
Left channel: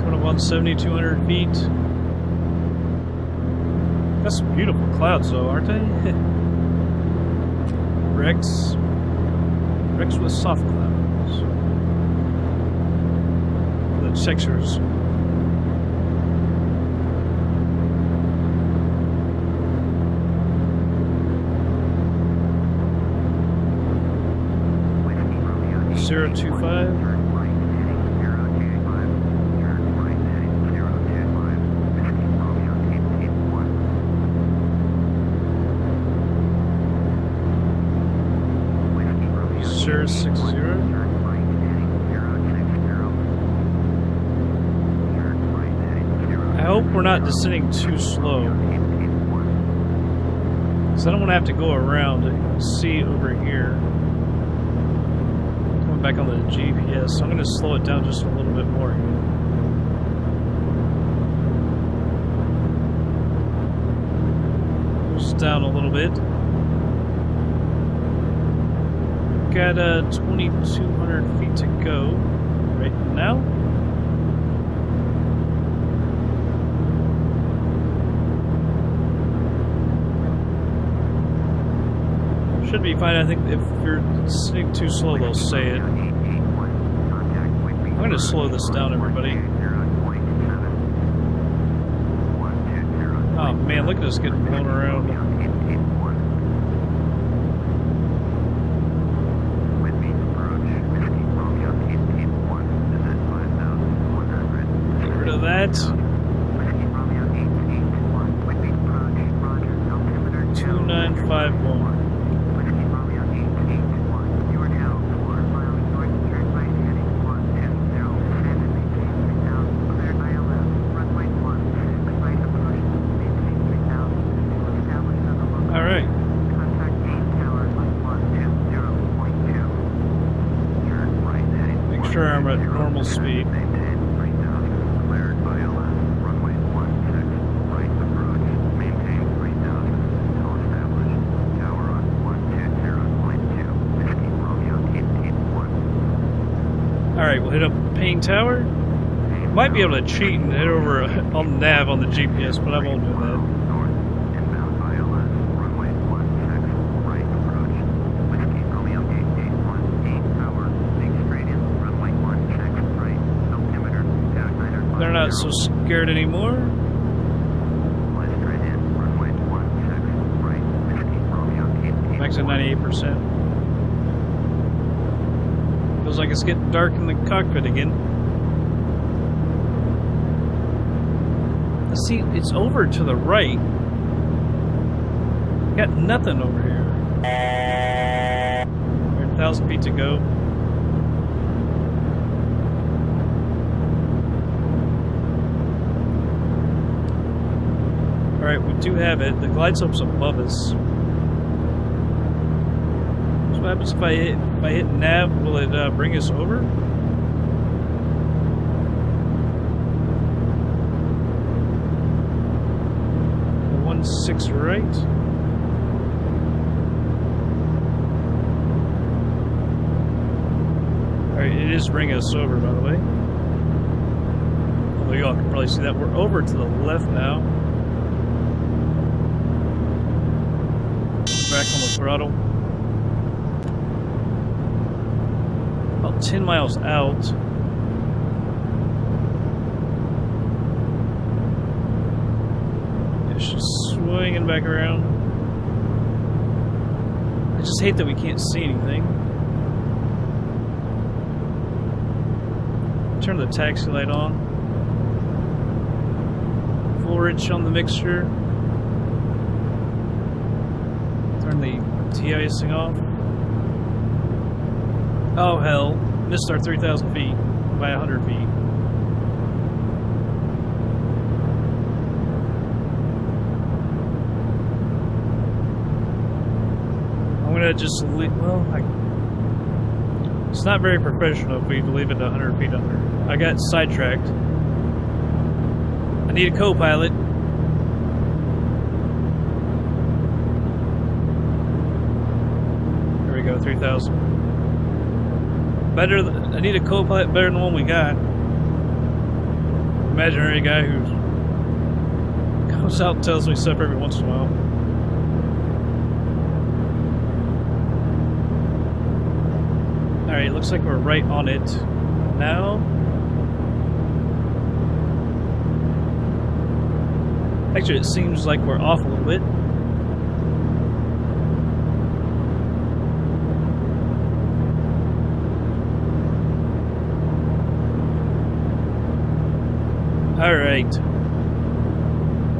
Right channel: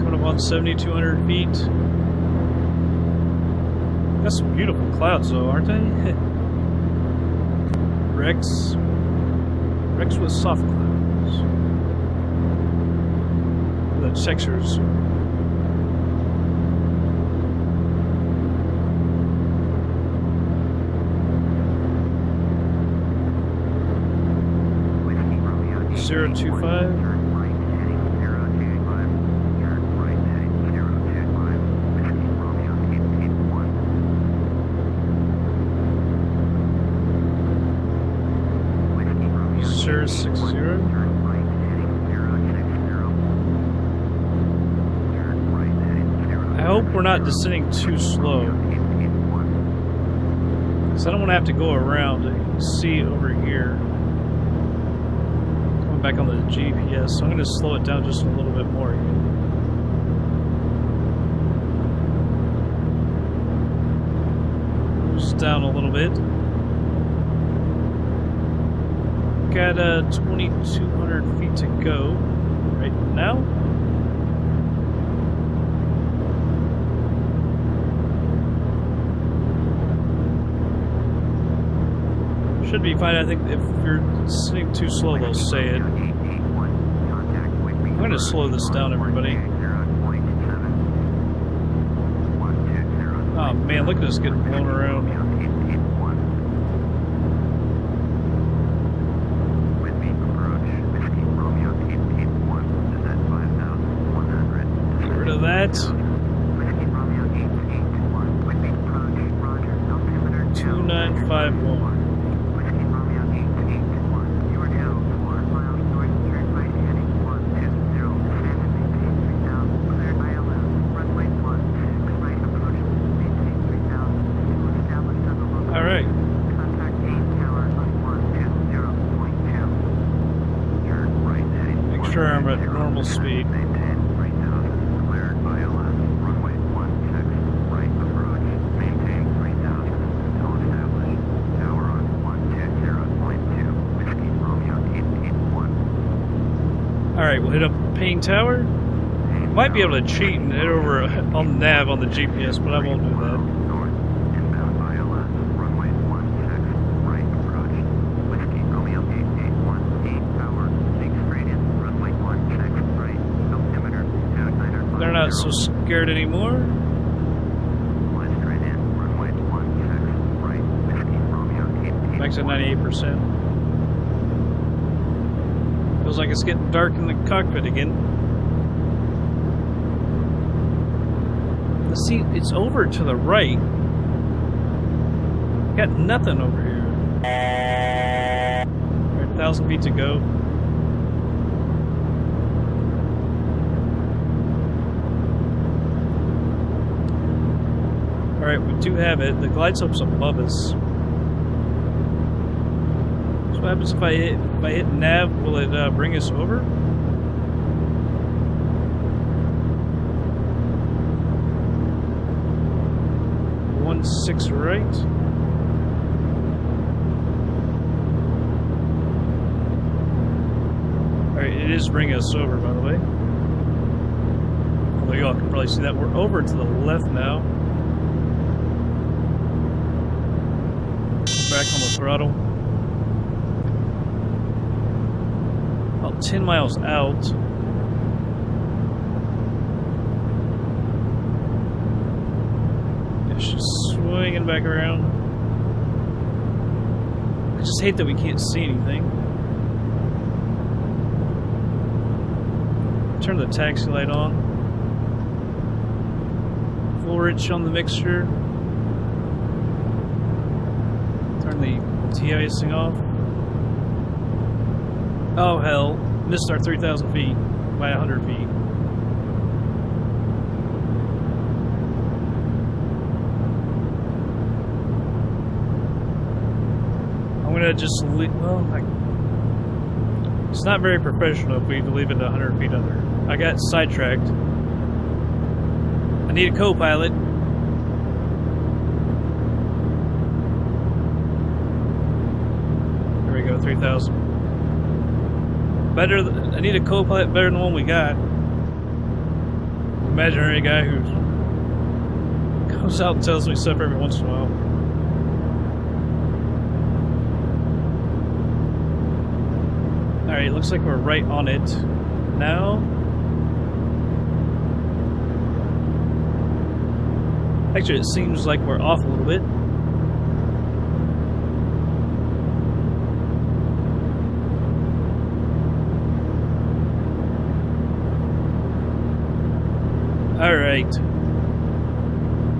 Up on 7,200 feet. Got some beautiful clouds though, aren't they? Rex with soft clouds. The textures. Zero 025. Sure, 60. I hope we're not descending too slow. Because I don't want to have to go around. You can see over here. Going back on the GPS. So I'm going to slow it down just a little bit more again. Just down a little bit. Got 2,200 feet to go right now. Should be fine. I think if you're sitting too slow, they'll say it. I'm going to slow this down, everybody. Oh man, look at us getting blown around. That 2951. All right. Make sure I'm at normal speed. Alright, we'll hit up Payne Tower. Might be able to cheat and hit over on the nav on the GPS, but I won't do that. They're not so scared anymore. Back to 98%. Feels like it's getting dark in the cockpit again. Let's see, it's over to the right. Got nothing over here. We're at 1,000 feet to go. Alright, we do have it. The glide slope's above us. So what happens if I hit nav? Will it bring us over? One 6 right. Alright, it is bringing us over, by the way. Although y'all can probably see that we're over to the left now. Back on the throttle. About 10 miles out. It's just swinging back around. I just hate that we can't see anything. Turn the taxi light on. Full rich on the mixture. Turn the de-icing off. Oh hell, missed our 3,000 feet by 100 feet. I'm gonna just leave, well, it's not very professional if we leave it 100 feet under. I got sidetracked. I need a co-pilot. There we go, 3,000. Better. I need a co-pilot better than the one we got. Imaginary guy who goes out and tells me stuff every once in a while. Alright, looks like we're right on it now. Actually, it seems like we're off a little bit. Alright.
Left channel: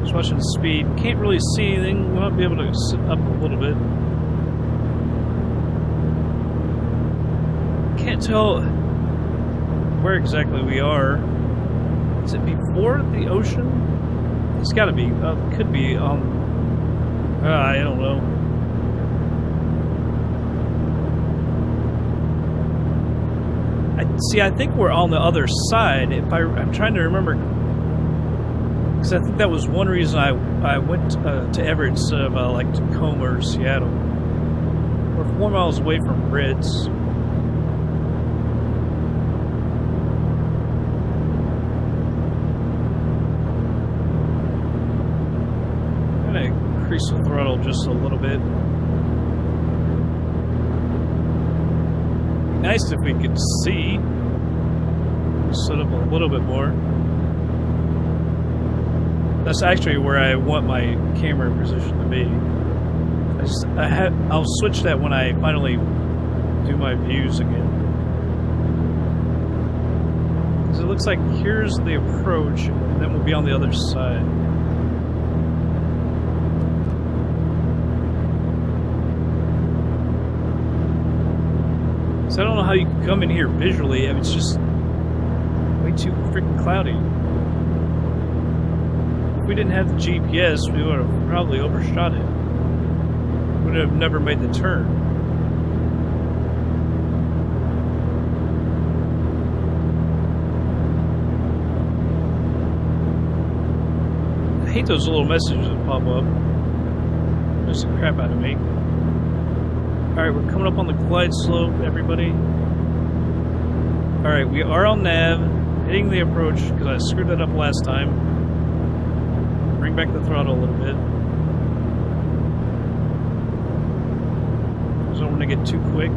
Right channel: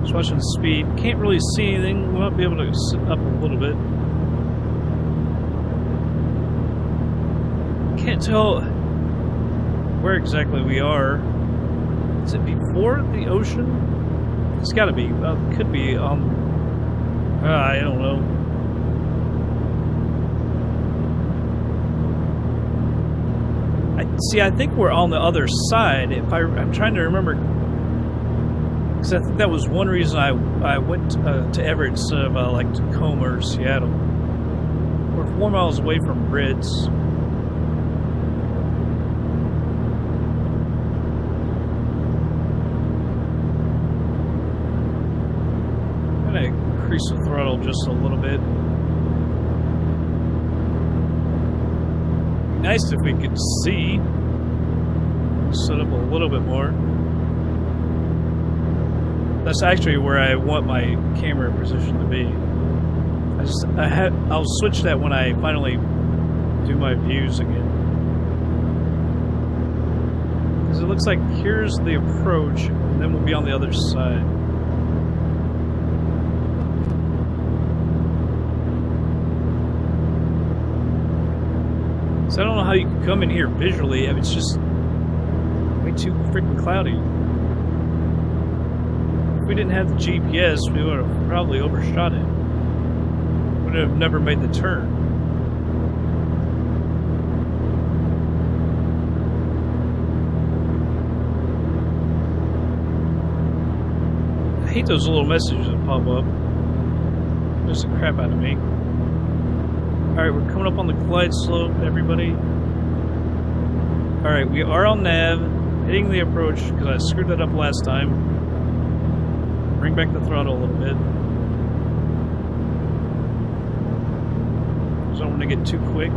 Just watching the speed. Can't really see anything. We might be able to sit up a little bit. Can't tell where exactly we are. Is it before the ocean? It's gotta be. Could be on. I don't know. I think we're on the other side. I'm trying to remember, because I think that was one reason I went to Everett instead of like Tacoma or Seattle. We're 4 miles away from Brits. Increase the throttle just a little bit. Be nice if we could see. Set up a little bit more. That's actually where I want my camera position to be. I'll switch that when I finally do my views again. Because it looks like here's the approach, and then we'll be on the other side. So I don't know how you can come in here visually. I mean, it's just way too freaking cloudy. If we didn't have the GPS, we would have probably overshot it. Would have never made the turn. I hate those little messages that pop up. Miss the crap out of me. Alright, we're coming up on the glide slope, everybody. Alright, we are on nav, hitting the approach, because I screwed that up last time. Bring back the throttle a little bit. Just don't want to get too quick.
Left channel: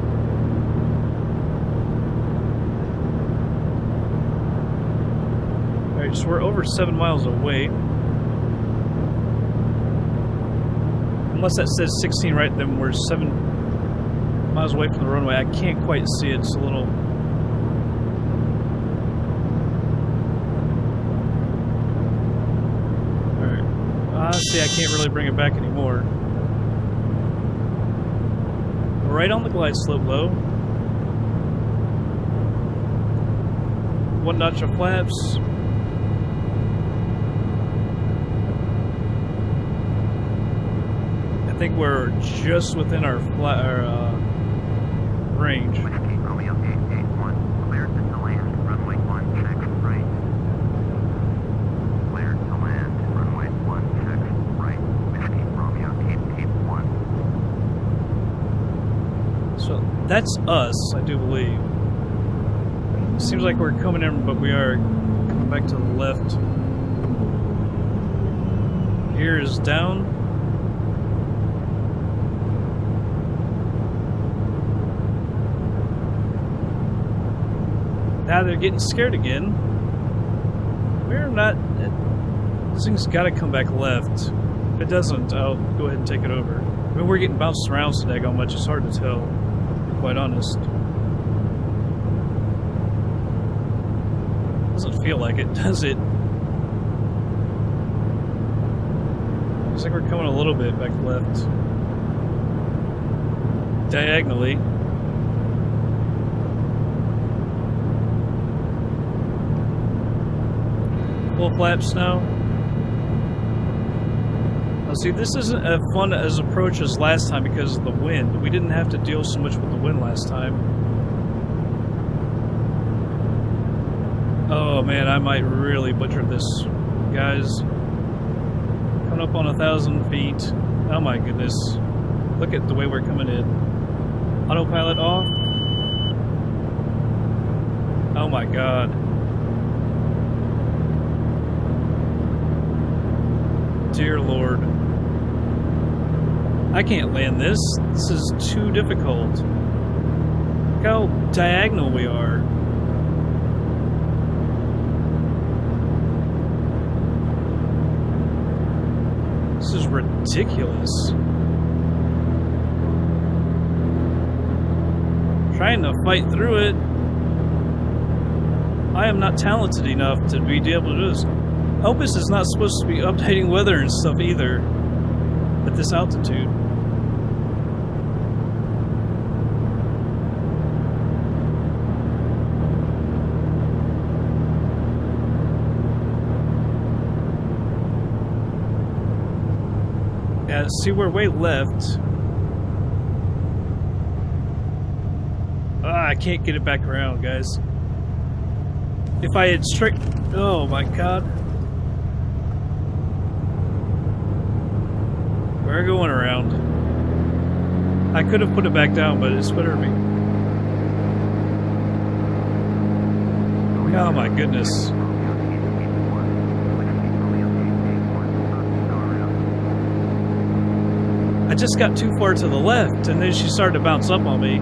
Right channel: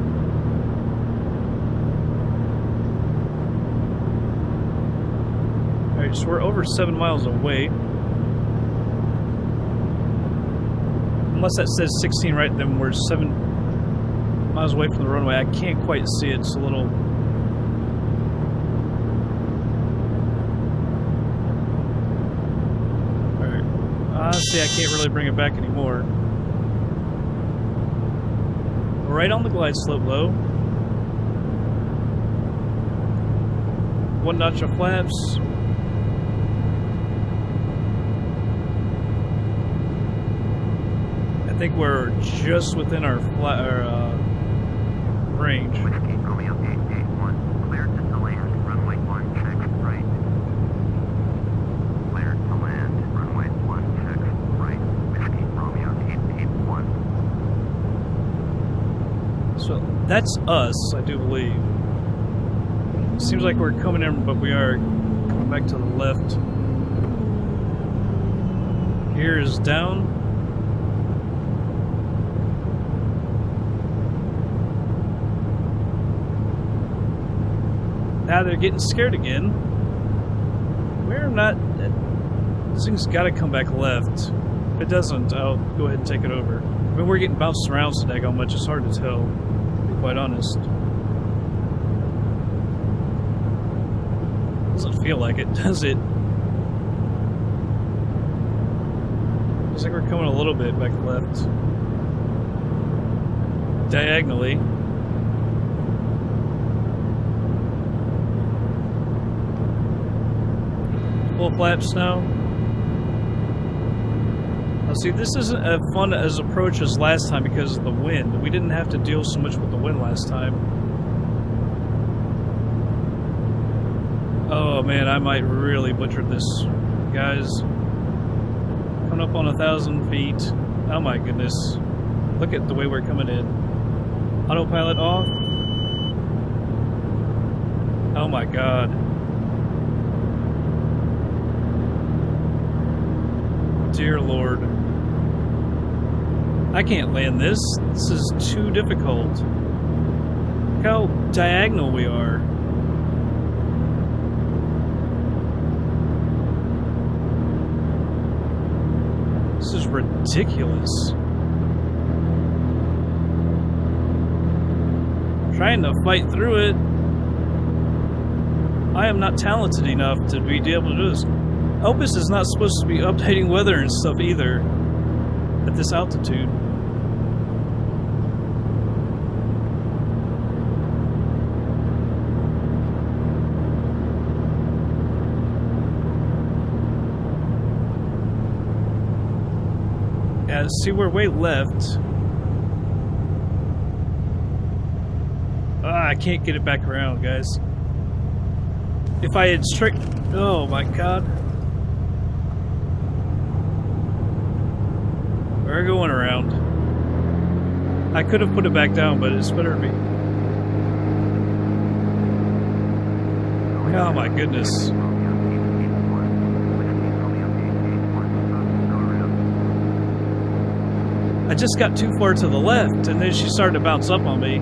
Alright, so we're over 7 miles away. Unless that says 16 right, then we're 7 miles away from the runway. I can't quite see it. It's a little. Alright. Honestly, I can't really bring it back anymore. We're right on the glide slope, low. 1 notch of flaps. think we're just within our range. Whiskey Romeo 881, cleared to land, runway 16 right. Cleared to land, runway 16 right. Whiskey Romeo 881. So that's us, I do believe. Seems like we're coming in, but we are coming back to the left. Gear is down. Now they're getting scared again. We're not... This thing's got to come back left. If it doesn't, I'll go ahead and take it over. I mean, we're getting bounced around so daggone much, it's hard to tell, to be quite honest. Doesn't feel like it, does it? Looks like we're coming a little bit back left. Diagonally. Full flaps now. Now see, this isn't as fun as approach as last time because of the wind. We didn't have to deal so much with the wind last time. Oh man, I might really butcher this, guys. Coming up on 1,000 feet. Oh my goodness. Look at the way we're coming in. Autopilot off. Oh my god. Dear Lord. I can't land this. This is too difficult. Look how diagonal we are. This is ridiculous. Trying to fight through it. I am not talented enough to be able to do this. Opus is not supposed to be updating weather and stuff either at this altitude. Yeah, see, we're way left. I can't get it back around, guys. If I had straight... Oh my god. We're going around. I could have put it back down, but it's better to be. Oh my goodness. I just got too far to the left, and then she started to bounce up on me.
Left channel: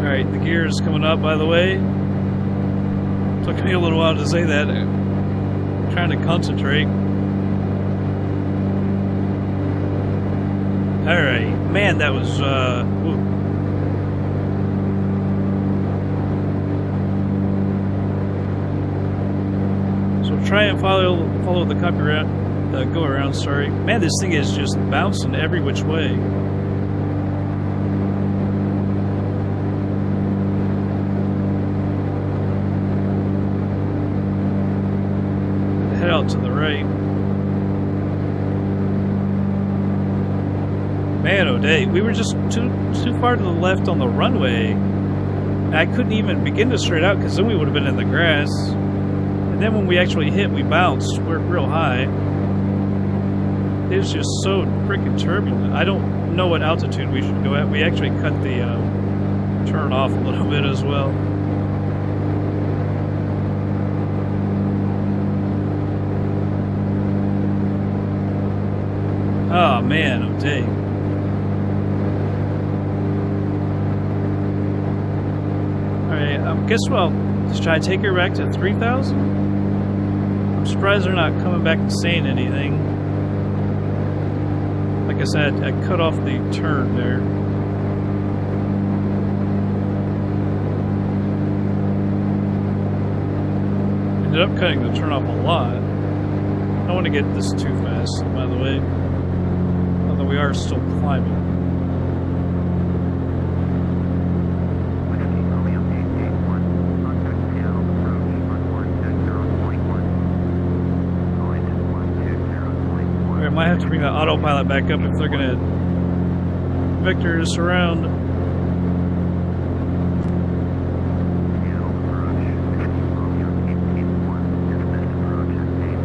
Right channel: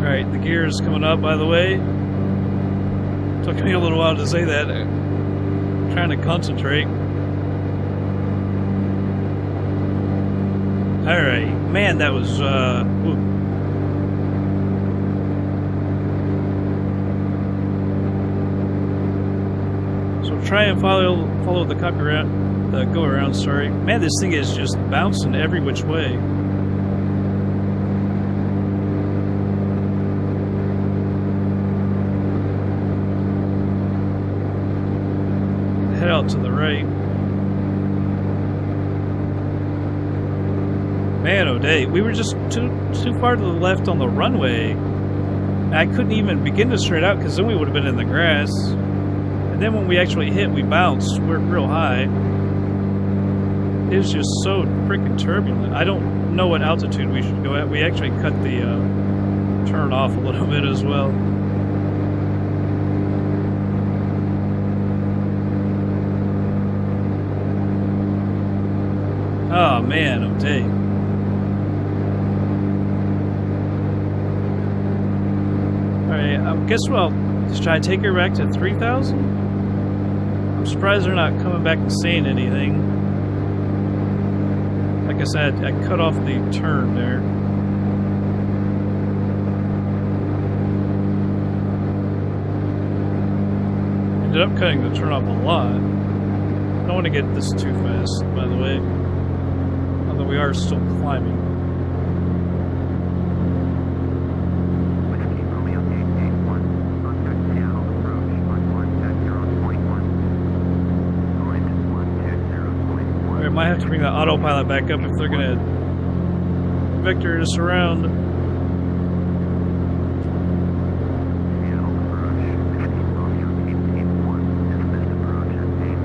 Alright, the gear is coming up, by the way. Took me a little while to say that. I'm trying to concentrate. Alright, man, that was, woo. So try and follow the copyright, go around, sorry. Man, this thing is just bouncing every which way. Head out to the right. Man, oh day, we were just too far to the left on the runway. I couldn't even begin to straight out because then we would have been in the grass. And then when we actually hit, we bounced. We're real high. It was just so freaking turbulent. I don't know what altitude we should go at. We actually cut the turn off a little bit as well. Oh man, oh day. Alright, guess what? Should I take her back to 3,000? I'm surprised they're not coming back and saying anything. Like I said, I cut off the turn there. Ended up cutting the turn off a lot. I don't want to get this too fast, by the way. Although we are still climbing. Whiskey Romeo 881, contact Seattle approach on might have to bring the autopilot back up if they're gonna vector us around. Seattle approach. Whiskey Romeo 881. Dismissed approach at 8.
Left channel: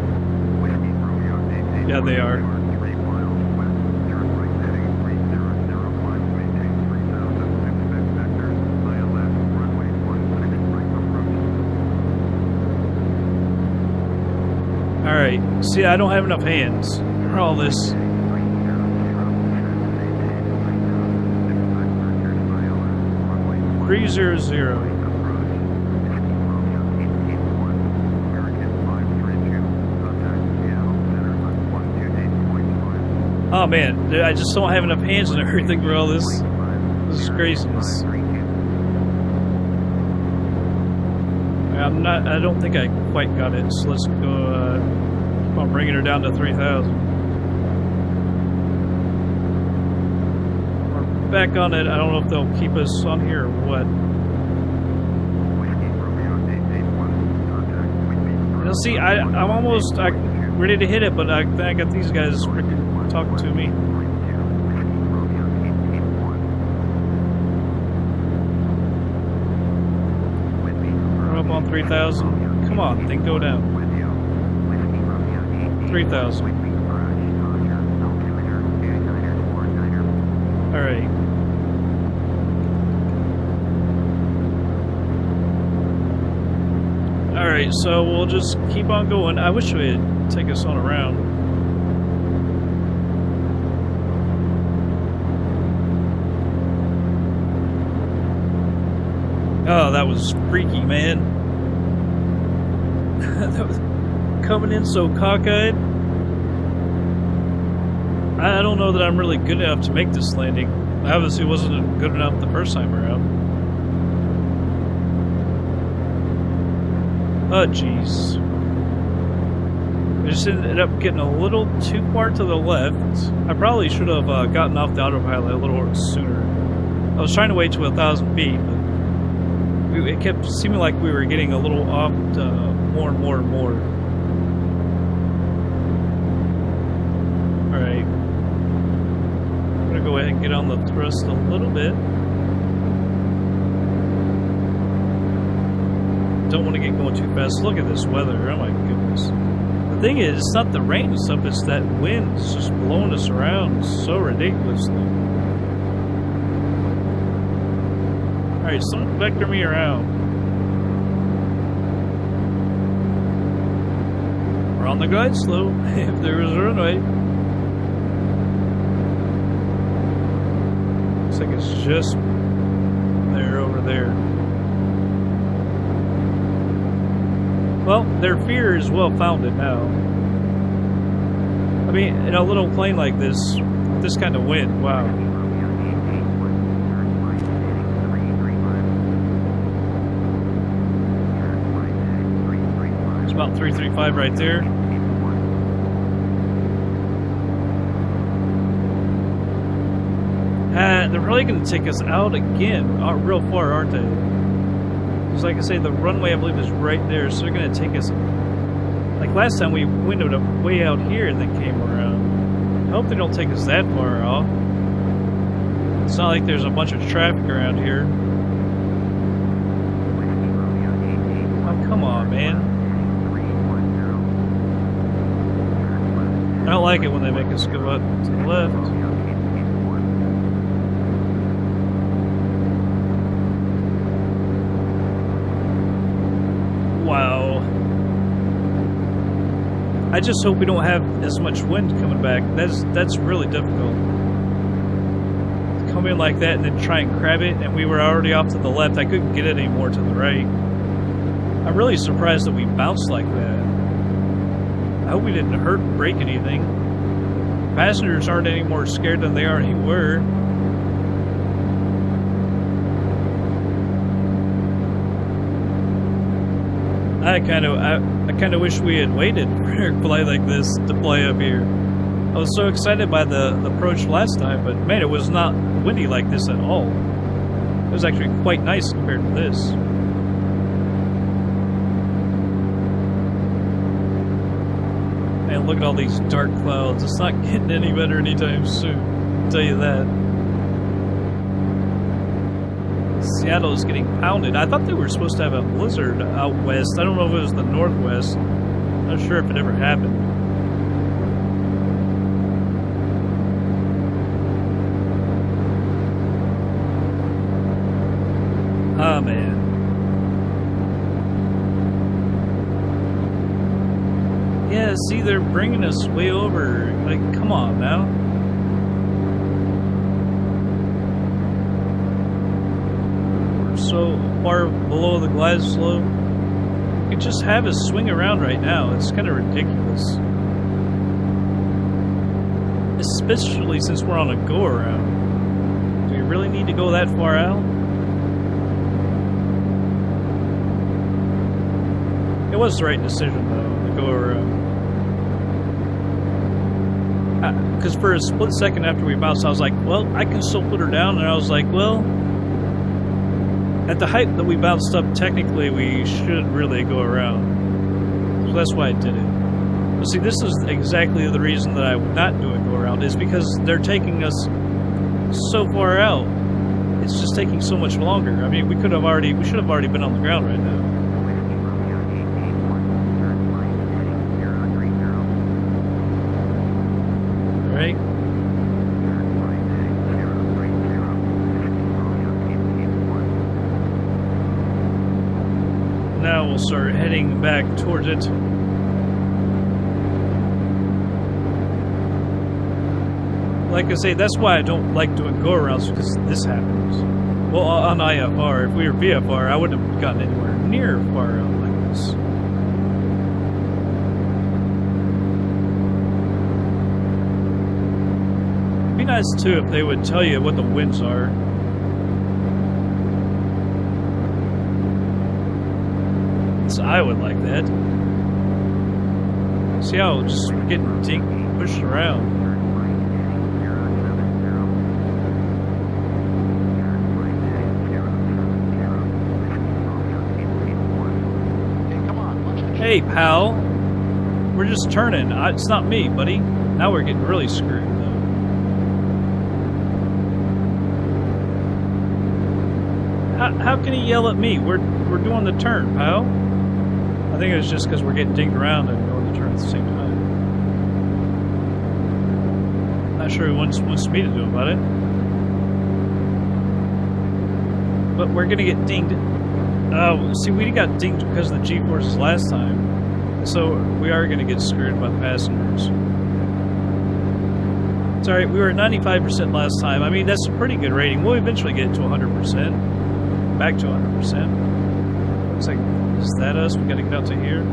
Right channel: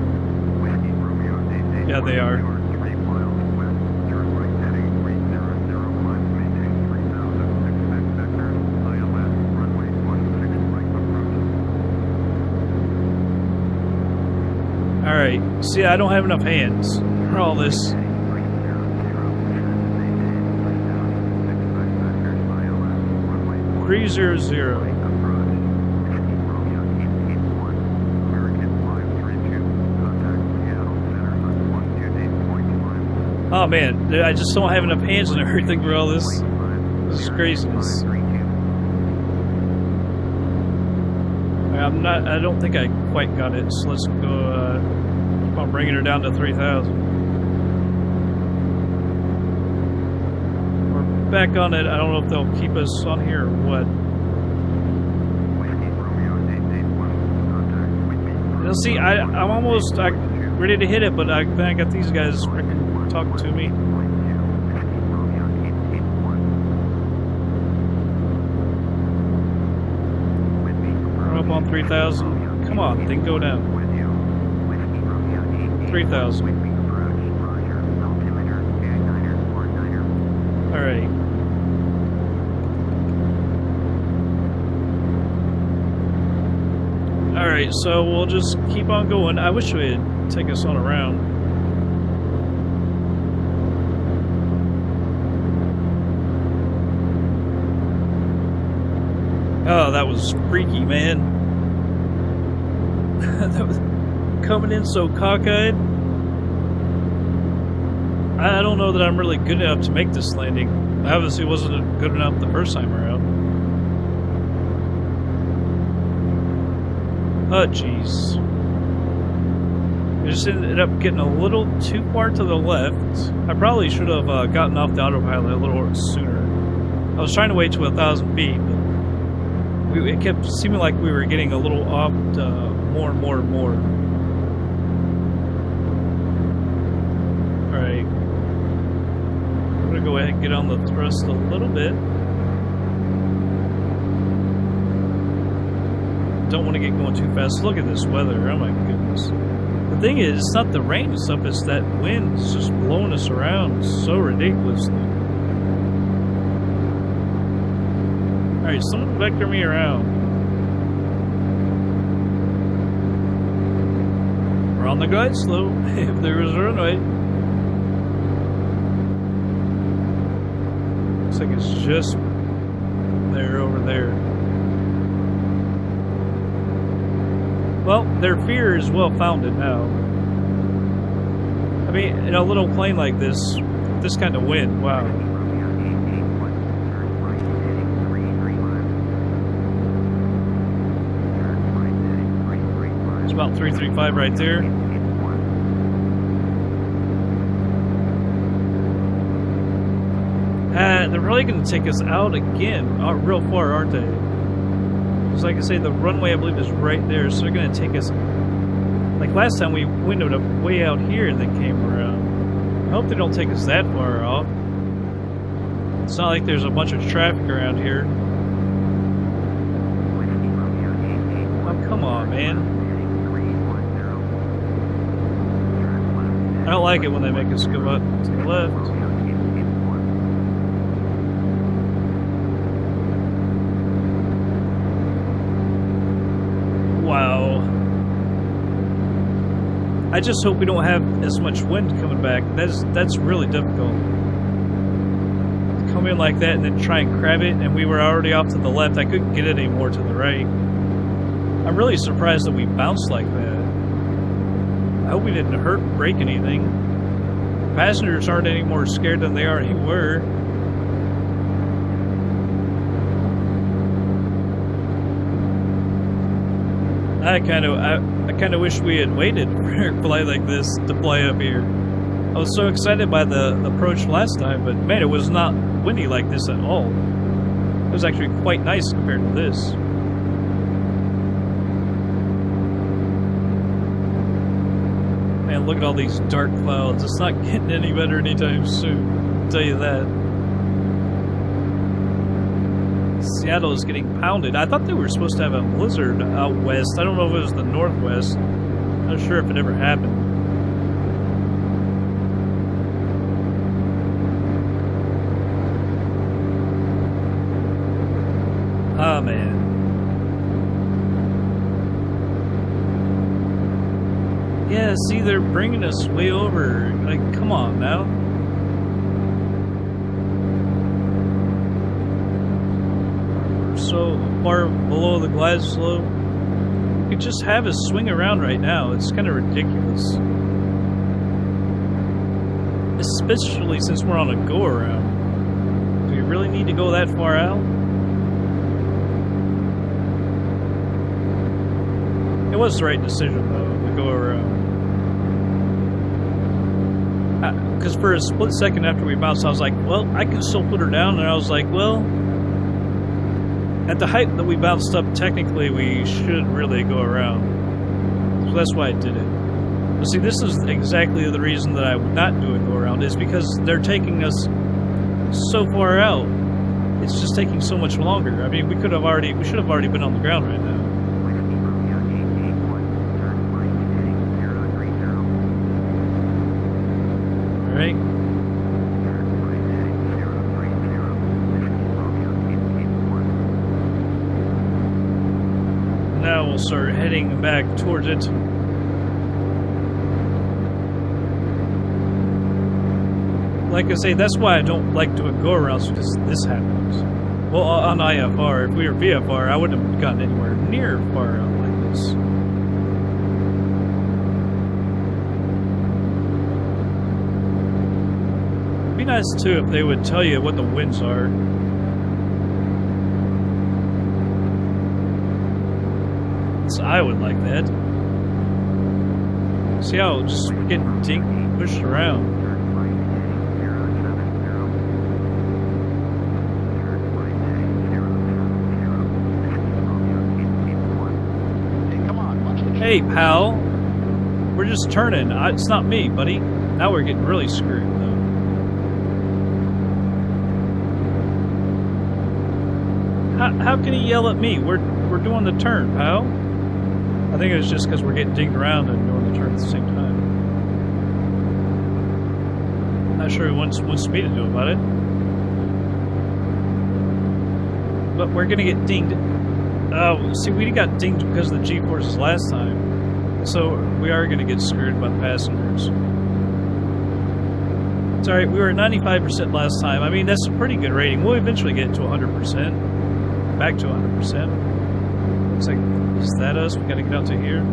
Whiskey Romeo 881. Yeah, they are. 3 miles west. Turn right heading 300. Climb maintain 3000. Expect vectors. ILS. Runway 16 right approach. Alright, see, I don't have enough hands for all this. 300. Maintain 3000. Expect vectors. ILS. Runway 300. right approach. Whiskey Romeo 881. American 532. Contact Seattle Center at 128.5. Oh man, I just don't have enough hands and everything for all this. This is craziness. I don't think I quite got it, so let's go, keep on bringing her down to 3,000. We're back on it. I don't know if they'll keep us on here or what. Whiskey Romeo 881. Contact Whitby. You'll see, I'm almost ready to hit it, but then I got these guys freaking talking to me. Whiskey Romeo 881. Whitby. I'm up on 3,000. Come on, thing, go down. With you. Whiskey Romeo 881. 3,000. Whitby approach. Roger. Altimeter 2949er. Alright. Alright, so we'll just keep on going. I wish we'd take us on around. Oh, that was freaky, man. That was coming in so cockeyed. I don't know that I'm really good enough to make this landing. I obviously wasn't good enough the first time around. Oh, jeez. I just ended up getting a little too far to the left. I probably should have gotten off the autopilot a little sooner. I was trying to wait to 1,000 feet, but it kept seeming like we were getting a little off more and more and more. Alright. I'm gonna go ahead and get on the thrust a little bit. Don't want to get going too fast. Look at this weather. Oh my goodness. The thing is, it's not the rain and stuff, it's that wind. It's just blowing us around so ridiculously. Alright, someone vector me around. We're on the glide slope, if there was a runway. Looks like it's just there, over there. Well, their fear is well founded now. I mean, in a little plane like this, with this kind of wind, wow. Romeo 881. Turn right heading 335. Turn right heading 335. It's about 335 right there. They're probably going to take us out again, real far, aren't they? Because like I say, the runway I believe is right there, so they're going to take us. Like last time, we windowed up way out here and then came around. I hope they don't take us that far off. It's not like there's a bunch of traffic around here. Oh, come on, man. I don't like it when they make us go up to the left. Wow. I just hope we don't have as much wind coming back. That's really difficult. To come in like that and then try and crab it, and we were already off to the left. I couldn't get it anymore to the right. I'm really surprised that we bounced like that. I hope we didn't break anything. Passengers aren't any more scared than they already were. I kind of wish we had waited for a flight like this to fly up here. I was so excited by the approach last time, but man, it was not windy like this at all. It was actually quite nice compared to this. Man, look at all these dark clouds. It's not getting any better anytime soon. I'll tell you that. Seattle is getting pounded. I thought they were supposed to have a blizzard out west. I don't know if it was the Northwest. Not sure if it ever happened. Ah, man. Yeah, see, they're bringing us way over. Like, come on now. We're so far below the glide slope. We could just have us swing around right now. It's kind of ridiculous. Especially since we're on a go-around. Do we really need to go that far out? It was the right decision, though, to go around. Because for a split second after we bounced, I was like, well, I can still put her down. And I was like, well, at the height that we bounced up, technically, we should really go around. So that's why I did it. But see, this is exactly the reason that I would not do a go around, is because they're taking us so far out. It's just taking so much longer. I mean, we should have already been on the ground right now. Right. Now we'll start heading back towards it. Like I say, that's why I don't like doing go-arounds, because this happens. Well, on IFR, if we were VFR, I wouldn't have gotten anywhere near far out like this. It'd be nice too if they would tell you what the winds are. So I would like that. See how just we're getting pushed around. Hey, pal. We're just turning. It's not me, buddy. Now we're getting really screwed, though. How can he yell at me? We're doing the turn, pal. I think it's just because we're getting dinged around and doing the turn at the same time. Not sure he wants me to do about it. But we're gonna get dinged. Oh, see, we got dinged because of the G-forces last time. So we are gonna get screwed by the passengers. It's alright, we were at 95% last time. I mean, that's a pretty good rating. We'll eventually get to 100%. Back to 100%. Looks like, is that us? We gotta get out to here.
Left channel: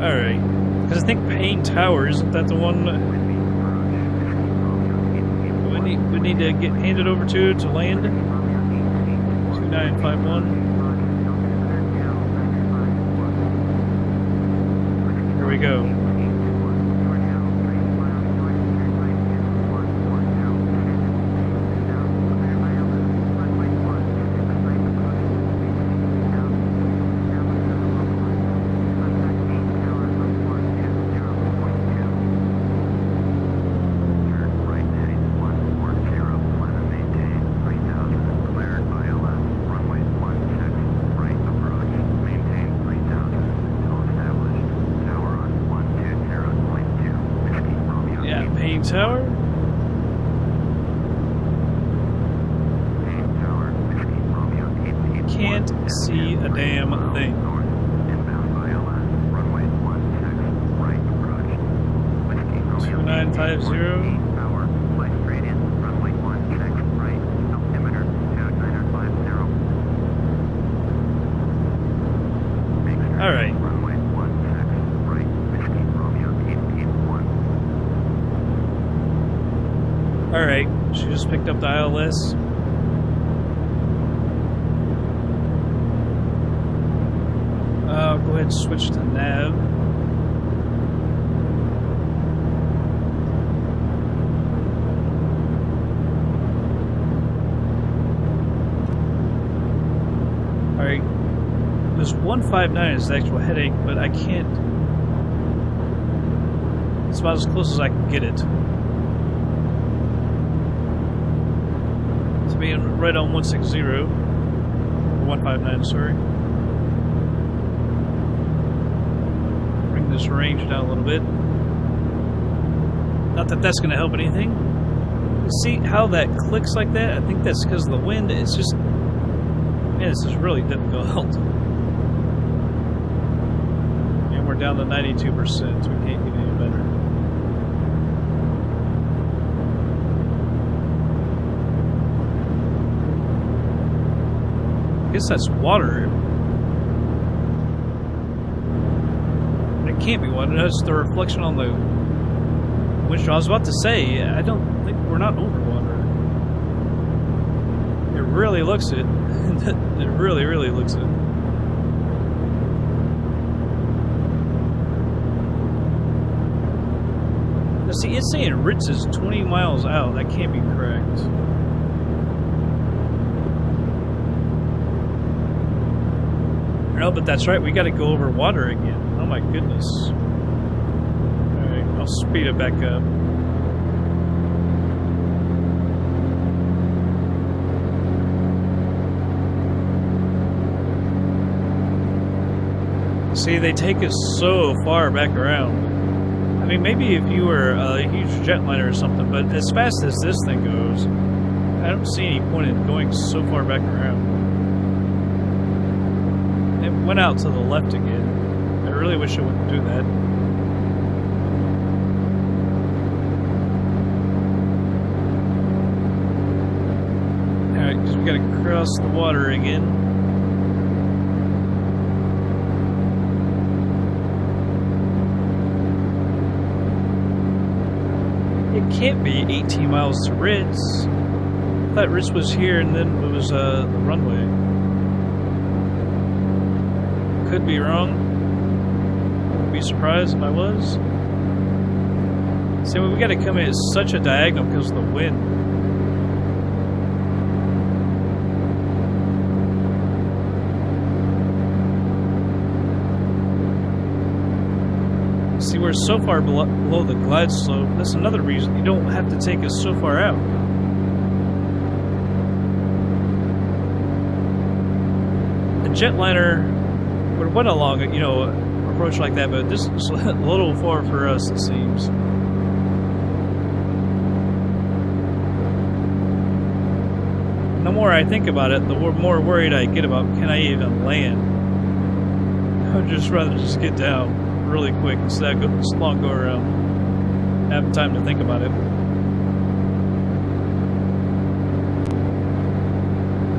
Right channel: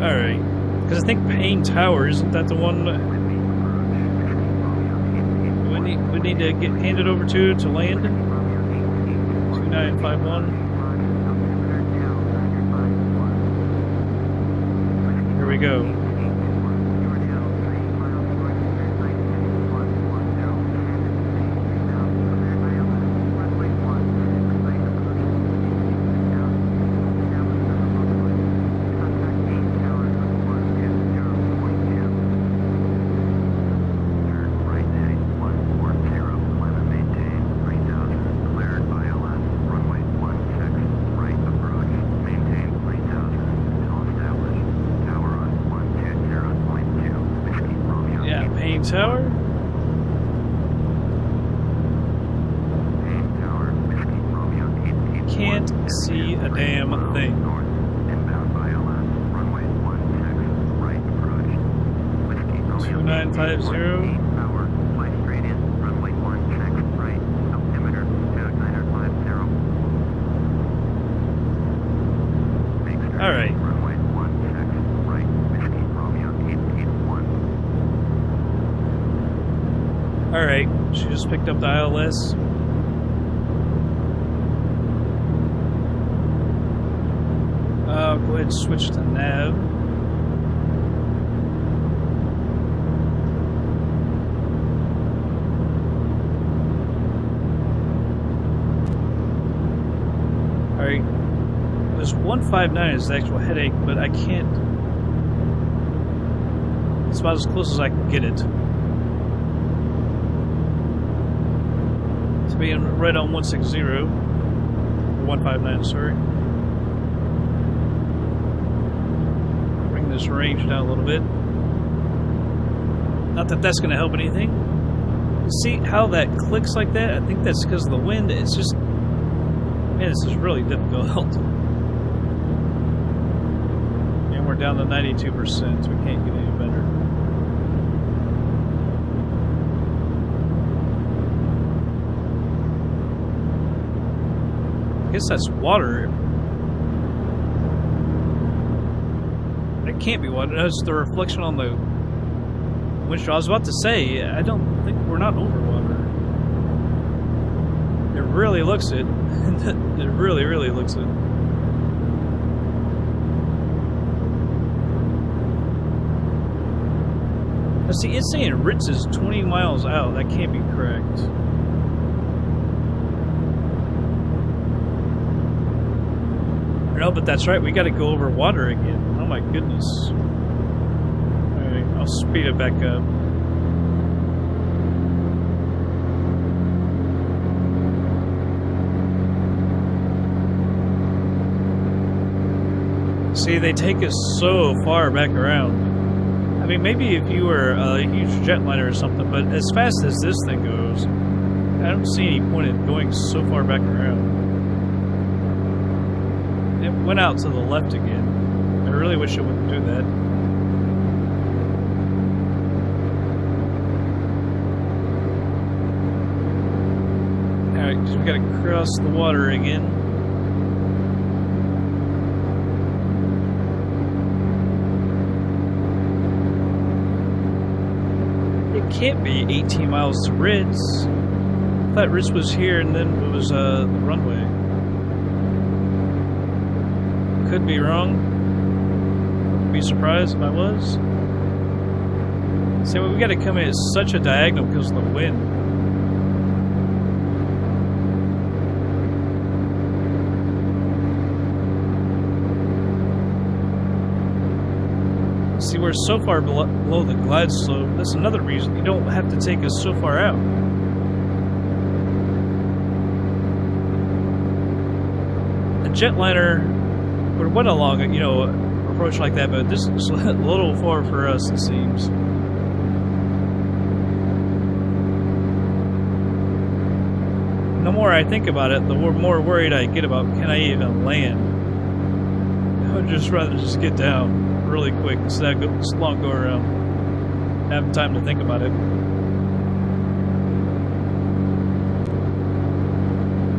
Alright. Because I think Payne Tower, isn't that the one we need to get handed over to land? 2951. Here we go. Tower? Can't see a damn thing. 2950. All right. Alright, she just picked up the ILS. I'll go ahead and switch to nav. Alright. This 159 is the actual headache, but I can't... It's about as close as I can get it. To being right on 160. Or 159, sorry. Bring this range down a little bit. Not that that's going to help anything. You see how that clicks like that? I think that's because of the wind. It's just... Man, this is really difficult. And we're down to 92%, so we can't get any better. I guess that's water. It can't be water. That's the reflection on the windshield. I was about to say, I don't think we're not over water. It really looks it. It really, really looks it. Now see, it's saying Ritz is 20 miles out. That can't be correct. No, but that's right. We got to go over water again. Oh my goodness. Alright, I'll speed it back up. See, they take us so far back around. I mean, maybe if you were a huge jetliner or something, but as fast as this thing goes, I don't see any point in going so far back around. It went out to the left again. I really wish it wouldn't do that. Alright, because we gotta cross the water again. It can't be 18 miles to Ritz. I thought Ritz was here and then it was the runway. Could be wrong. Wouldn't be surprised if I was. See, we gotta come in at such a diagonal because of the wind. See, we're so far below the glide slope. That's another reason you don't have to take us so far out. A jetliner would have went along, you know, approach like that, but this is a little far for us, it seems. The more I think about it, the more worried I get about can I even land. I would just rather just get down really quick instead of this long go around, having time to think about it.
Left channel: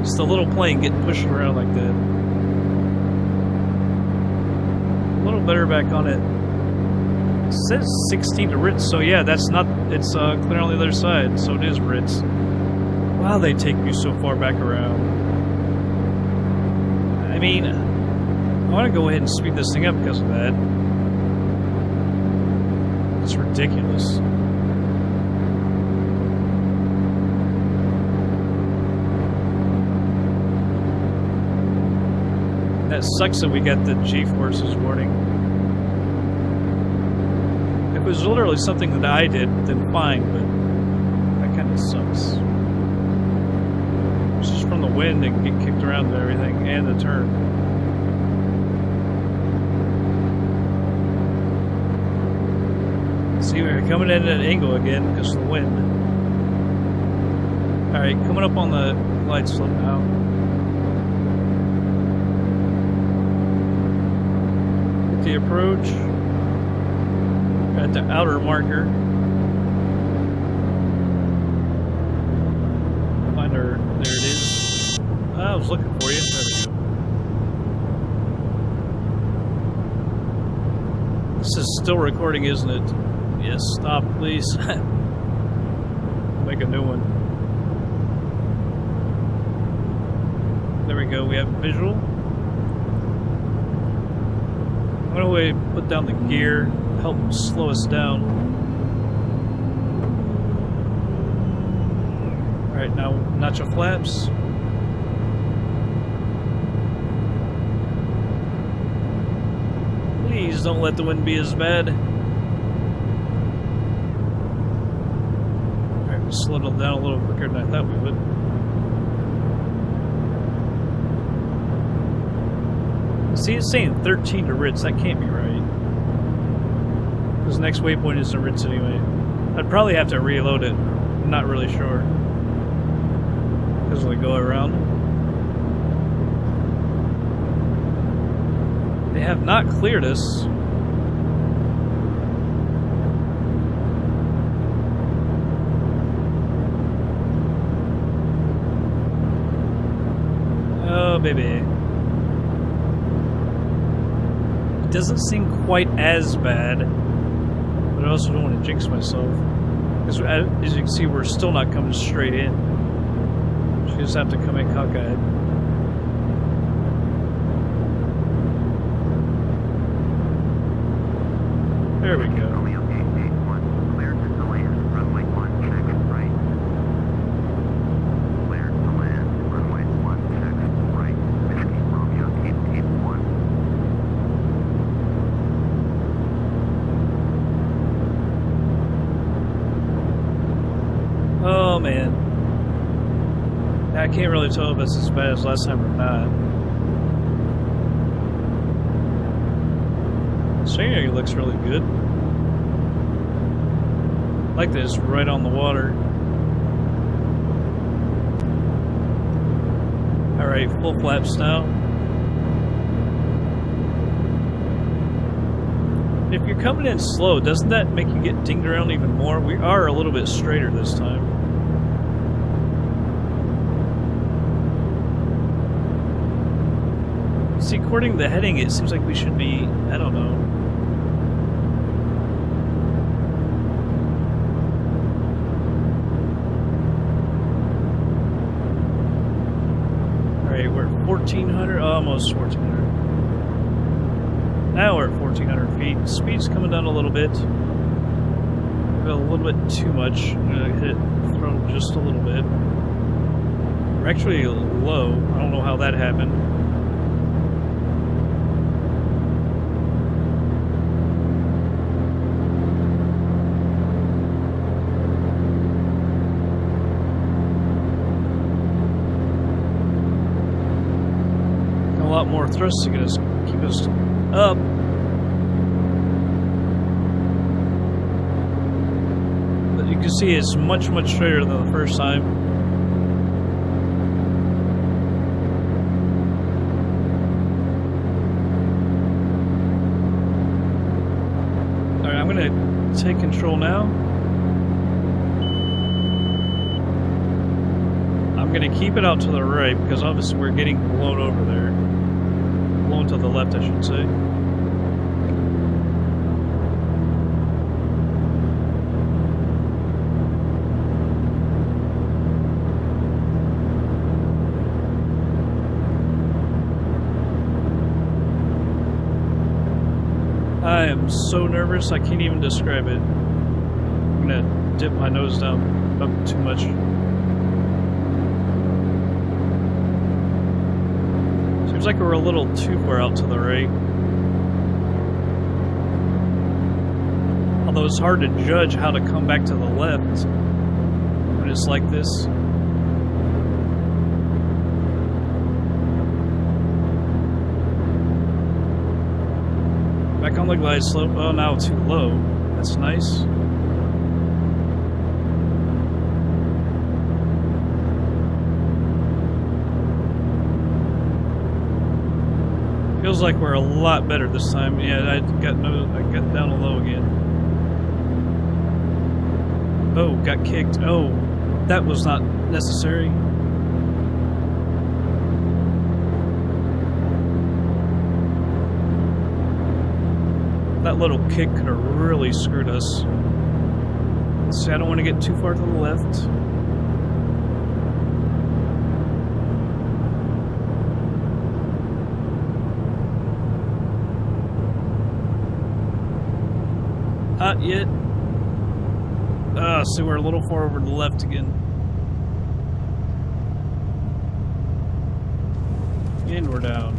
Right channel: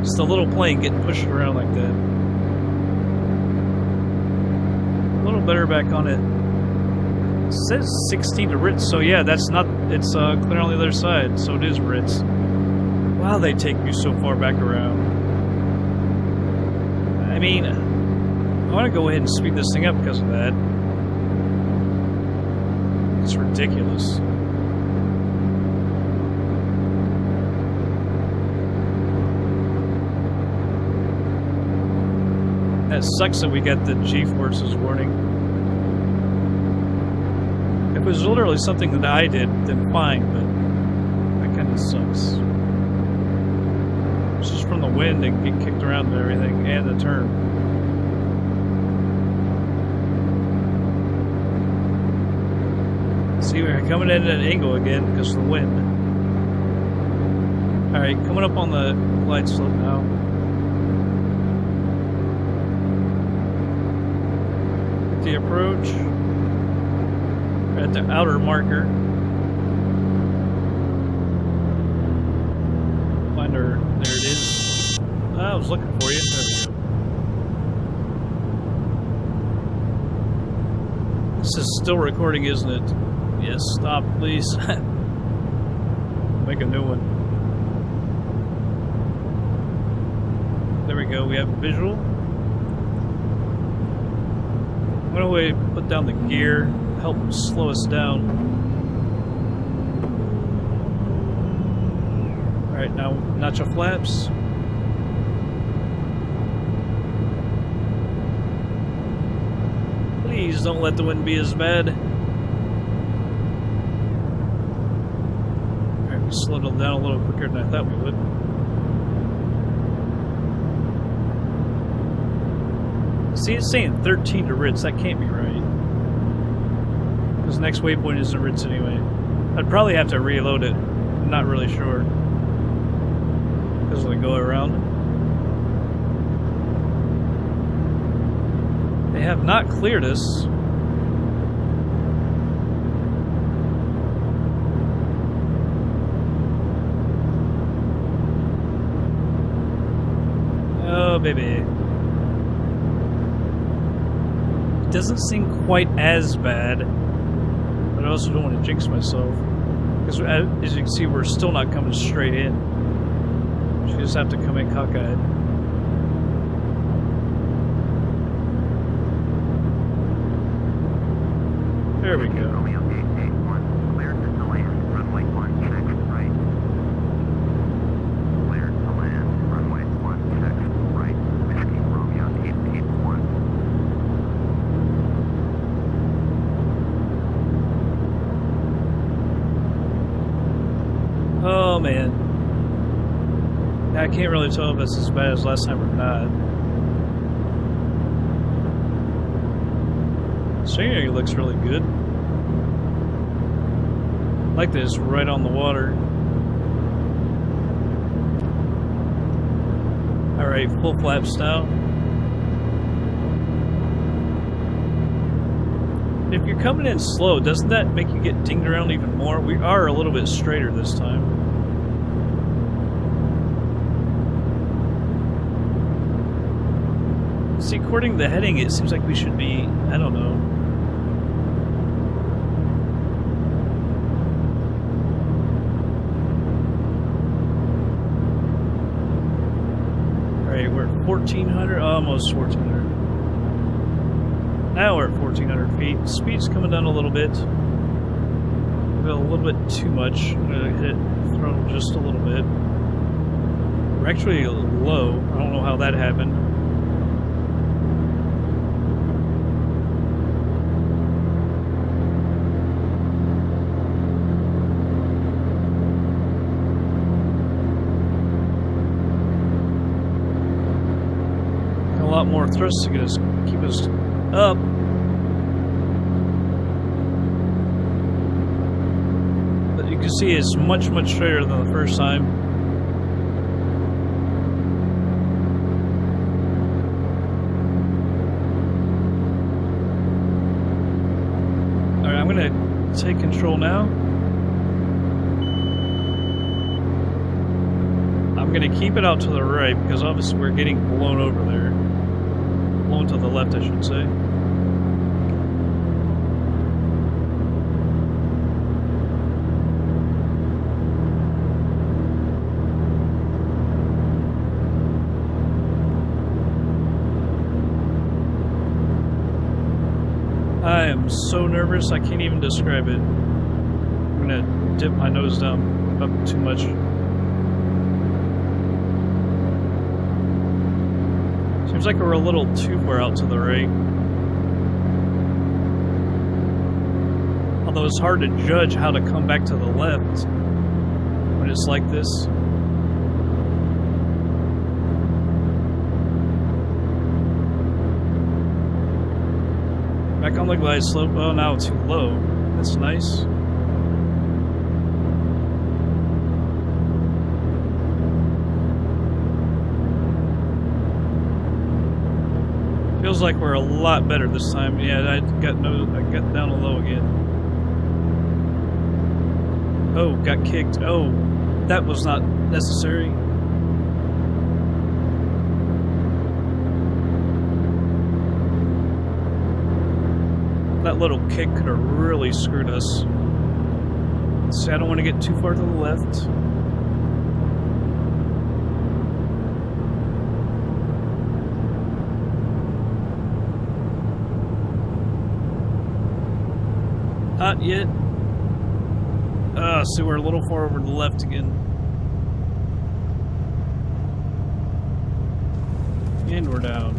Just a little plane getting pushed around like that. A little better back on it. It says 16 to Ritz, so yeah, that's not. It's clear on the other side, so it is Ritz. Wow, they take you so far back around. I mean, I want to go ahead and speed this thing up because of that. It's ridiculous. That sucks that we got the G-forces warning. If it was literally something that I did, then fine, but that kind of sucks. It's just from the wind and get kicked around and everything, and the turn. See, we're coming in at an angle again because of the wind. Alright, coming up on the glide slope now. Get the approach. We're at the outer marker. Find our... There it is. I was looking for you. There we go. This is still recording, isn't it? Yes, stop, please. Make a new one. There we go, we have visual. I'm gonna wait, put down the gear, help slow us down. Alright, now notch your flaps. don't let the wind be as bad. Alright, we slowed it down a little quicker than I thought we would. See, it's saying 13 to Ritz. That can't be right. Because the next waypoint isn't Ritz anyway. I'd probably have to reload it. I'm not really sure. Because of the go around. They have not cleared us. Oh, baby. It doesn't seem quite as bad, but I also don't want to jinx myself. Because as you can see, we're still not coming straight in. So you just have to come in cockeyed. There we go. Romeo 881, cleared to land, runway 16 right. Cleared to land, runway 16 right. Whiskey Romeo 881. Oh man. I can't really tell if it's as bad as last time or not. Scenery looks really good. Like this, right on the water. Alright, full flaps now. If you're coming in slow, doesn't that make you get dinged around even more? We are a little bit straighter this time. See, according to the heading, it seems like we should be, I don't know. Alright, we're at 1,400, almost 1,400. Now we're at 1,400 feet. Speed's coming down a little bit. We've got a little bit too much. I'm going to hit throttle just a little bit. We're actually low. I don't know how that happened. A lot more thrust to get us, keep us up. But you can see it's much, much straighter than the first time. Alright, I'm gonna take control now. I'm gonna keep it out to the right because obviously we're getting blown over there. Blown to the left, I should say. I am so nervous, I can't even describe it. I'm gonna dip my nose down up too much. Seems like we're a little too far out to the right. Although it's hard to judge how to come back to the left when it's like this. Back on the glide slope. Oh, now too low. That's nice. Feels like we're a lot better this time. Yeah, I got down low again. Oh, got kicked. Oh, that was not necessary. That little kick could have really screwed us. See, I don't want to get too far to the left. Not yet. So we're a little far over to the left again. And we're down.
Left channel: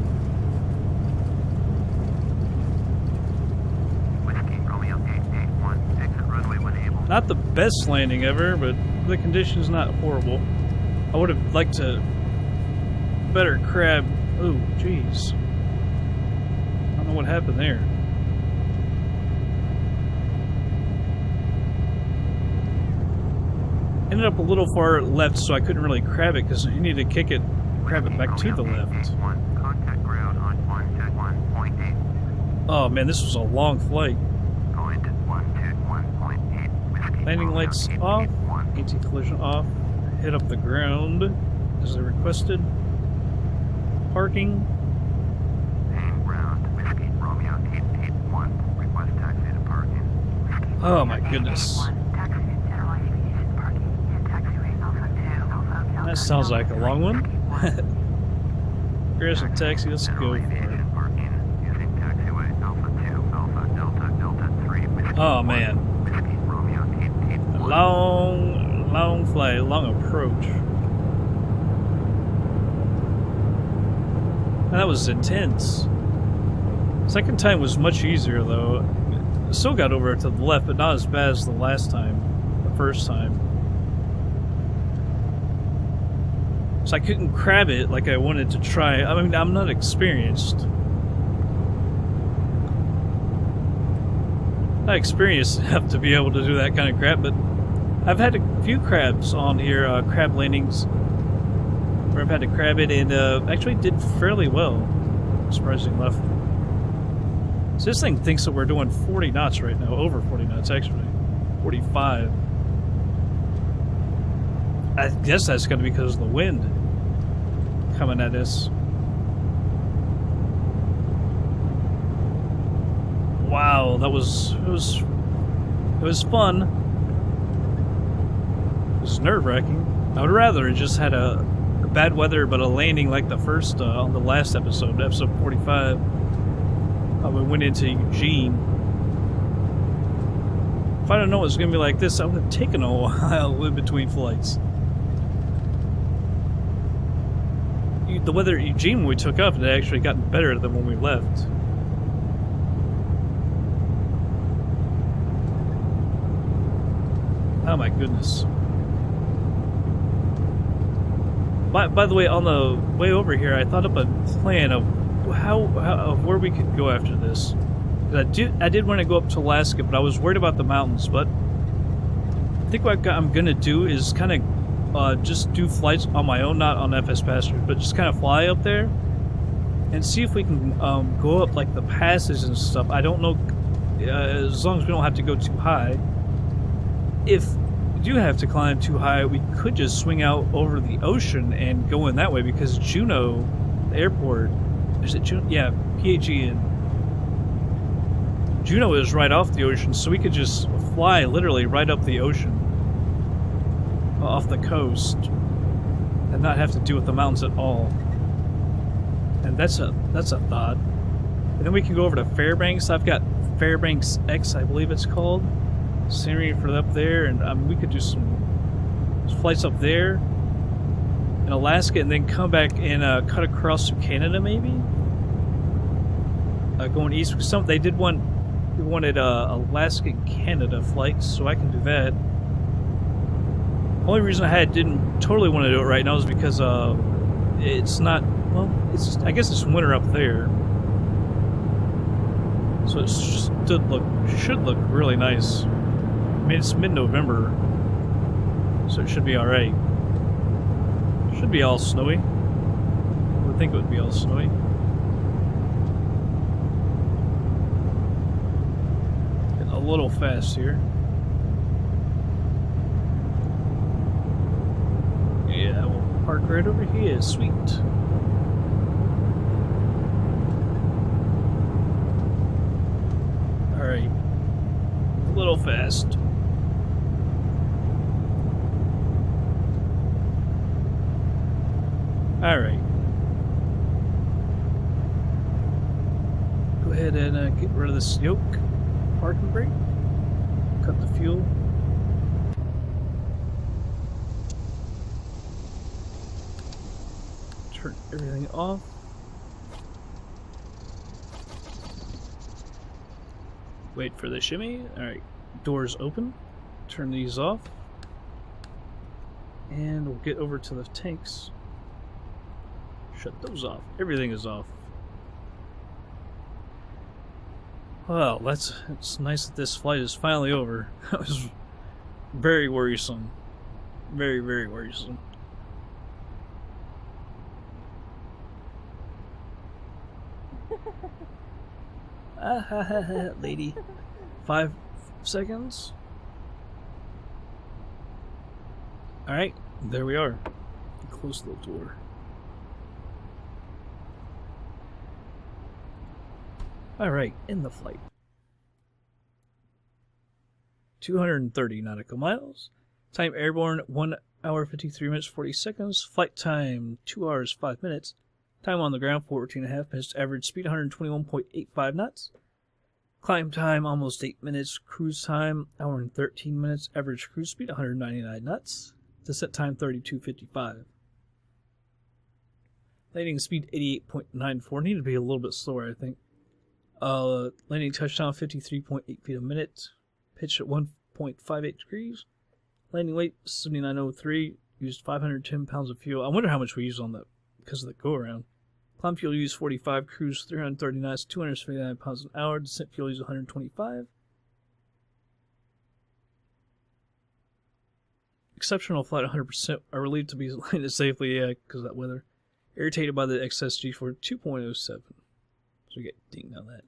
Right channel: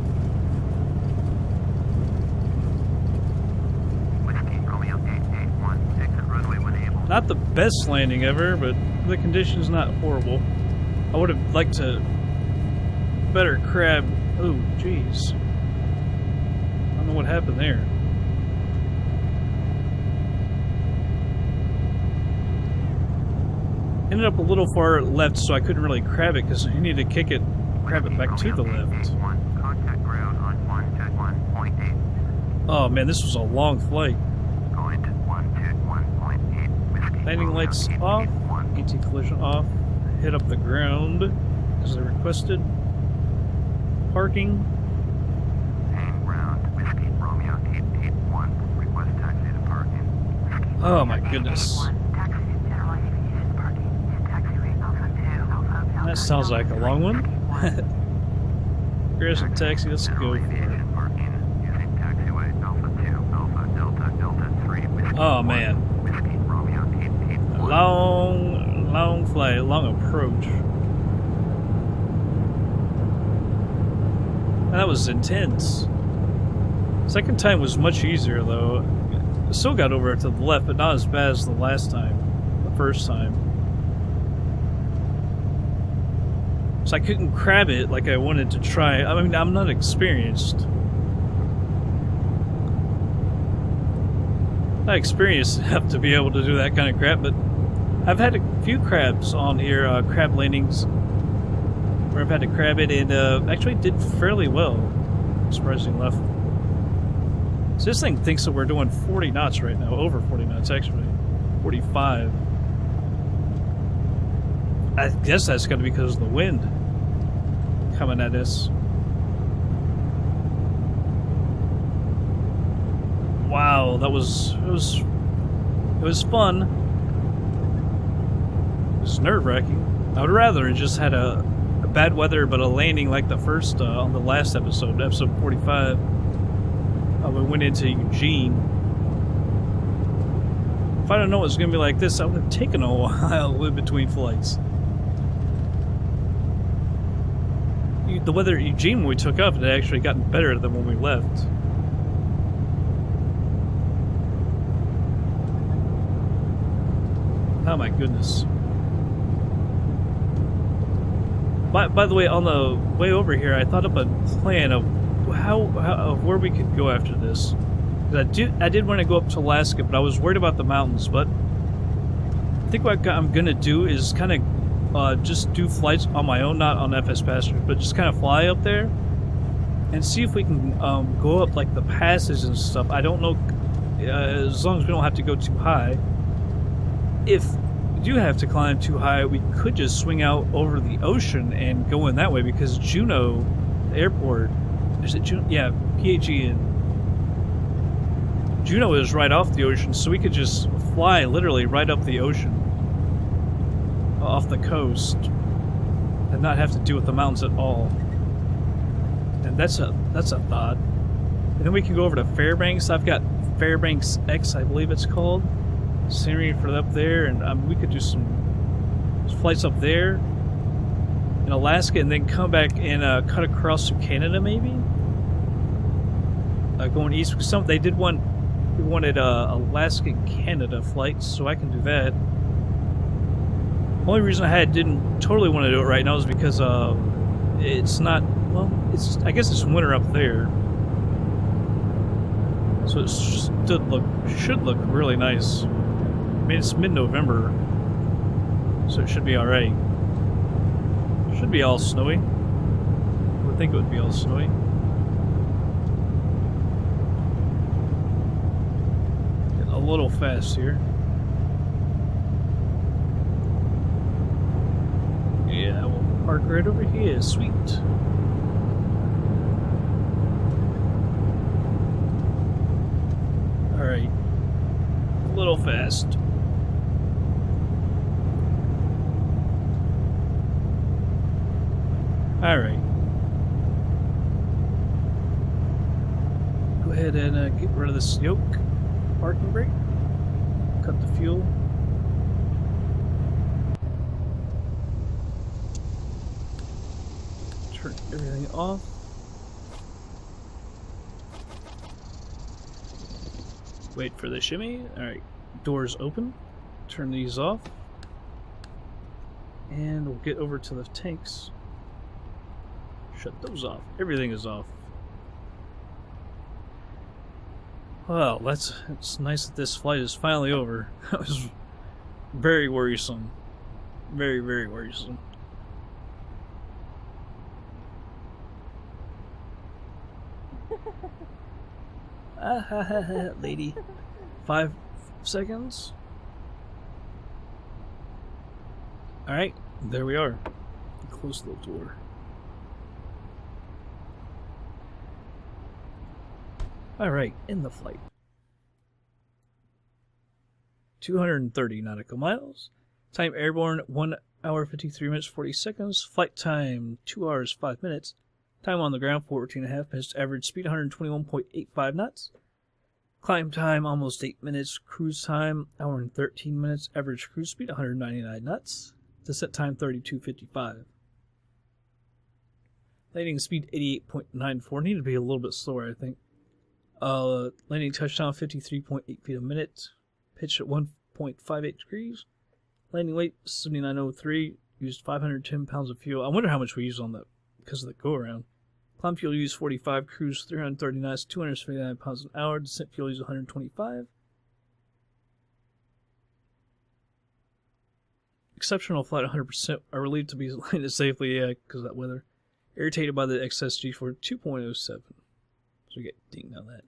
Not the best landing ever, but the condition's not horrible. I would have liked to better crab. Oh, jeez. I don't know what happened there. Ended up a little far left, so I couldn't really crab it because you need to kick it, crab it back to the left. Contact ground on 121.8. Oh man, this was a long flight. Going to 121.8. Whiskey. Landing lights off, anti-collision off, hit up the ground as I requested. Parking. Hang ground. Whiskey. Romeo 881. Request taxi to parking. Oh my goodness. Taxi to general aviation parking. And taxiway Alpha 2, Alpha Delta. That sounds like a long one. Aggressive taxi, let's go for it. Aviation parking using taxiway Alpha 2, Alpha Delta, Delta 3. Whiskey. Oh man. Whiskey. Romeo 881. Long flight, long approach. Man, that was intense. Second time was much easier though. Still got over to the left, but not as bad as the last time, the first time. So I couldn't crab it like I wanted to try. I mean, I'm not experienced. Not experienced enough to be able to do that kind of crap, but I've had a few crabs on here, crab landings, where I've had to crab it, and actually did fairly well, surprisingly enough. So this thing thinks that we're doing 40 knots right now, over 40 knots actually, 45. I guess that's going to be because of the wind coming at us. Wow, it was fun. It was nerve-wracking. I would rather it just had a bad weather, but a landing like the first on the last episode, episode 45. We went into Eugene. If I don't know it was going to be like this, I would have taken a while in between flights. The weather at Eugene when we took off, it had actually gotten better than when we left. Oh my goodness. By the way, on the way over here, I thought up a plan of of where we could go after this. I did want to go up to Alaska, but I was worried about the mountains. But I think what I'm gonna do is kind of just do flights on my own, not on FsPassengers, but just kind of fly up there and see if we can go up like the passes and stuff. I don't know, as long as we don't have to go too high. If we do have to climb too high, we could just swing out over the ocean and go in that way, because Juneau, the airport, is it Juneau? Yeah, PAG and Juneau is right off the ocean, so we could just fly literally right up the ocean, off the coast, and not have to deal with the mountains at all. And that's a thought. And then we can go over to Fairbanks. I've got Fairbanks X, I believe it's called. Scenery for up there, and we could do some flights up there in Alaska, and then come back and cut across to Canada, maybe. Going east, because they wanted Alaska and Canada flights, so I can do that. Only reason I didn't totally want to do it right now is because it's not, well, I guess it's winter up there, so it should look really nice. I mean, it's mid-November, so it should be alright. Should be all snowy. I would think it would be all snowy. Getting a little fast here. Yeah, we'll park right over here. Sweet. Alright. A little fast. Alright. Go ahead and get rid of this yoke. Parking brake. Cut the fuel. Turn everything off. Wait for the shimmy. Alright. Doors open. turn these off. And we'll get over to the tanks. Shut those off. Everything is off. Well, it's nice that this flight is finally over. That was very worrisome. Very, very worrisome. Ah ha ha ha, lady. 5 seconds. Alright, there we are. Close the door. Alright, in the flight. 230 nautical miles. Time airborne 1 hour 53 minutes 40 seconds. Flight time 2 hours 5 minutes. Time on the ground 14.5 minutes. Average speed 121.85 knots. Climb time almost 8 minutes. Cruise time hour and 13 minutes. Average cruise speed 199 knots. Descent time 32.55. Landing speed 88.94. Need to be a little bit slower, I think. Landing touchdown 53.8 feet a minute. Pitch at 1.58 degrees. Landing weight 7903. Used 510 pounds of fuel. I wonder how much we used on that because of the go around. Climb fuel use 45. Cruise 330 knots. 279 pounds an hour. Descent fuel use 125. Exceptional flight 100%. Are relieved to be landed safely, yeah, because of that weather. Irritated by the excess G4 2.07. So we get dinged on that.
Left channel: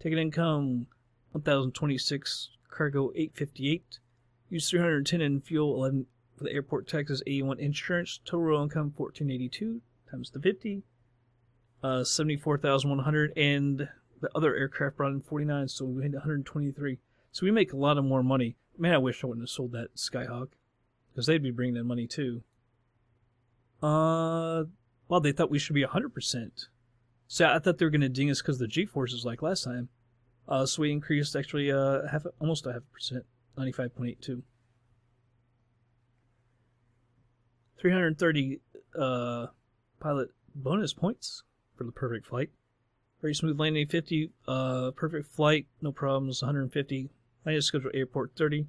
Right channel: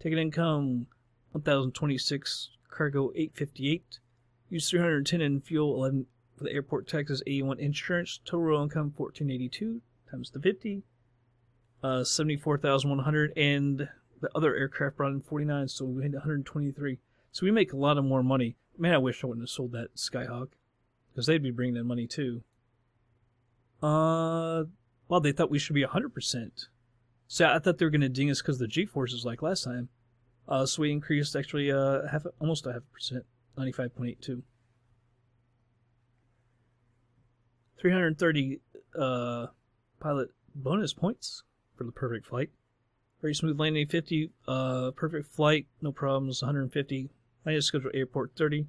Ticket income 1026. Cargo 858. Use 310 in fuel 11 for the airport taxes 81 insurance. Total real income 1482 times the 50. 74,100 and the other aircraft brought in 49, so we made 123. So we make a lot of more money. Man, I wish I wouldn't have sold that Skyhawk because they'd be bringing in money too. Well, they thought we should be 100%. So I thought they were going to ding us because the G-forces like last time. So we increased actually almost a 0.5%, 95.82. 330 pilot bonus points for the perfect flight. Very smooth landing 50, perfect flight, no problems 150. Landing schedule airport 30.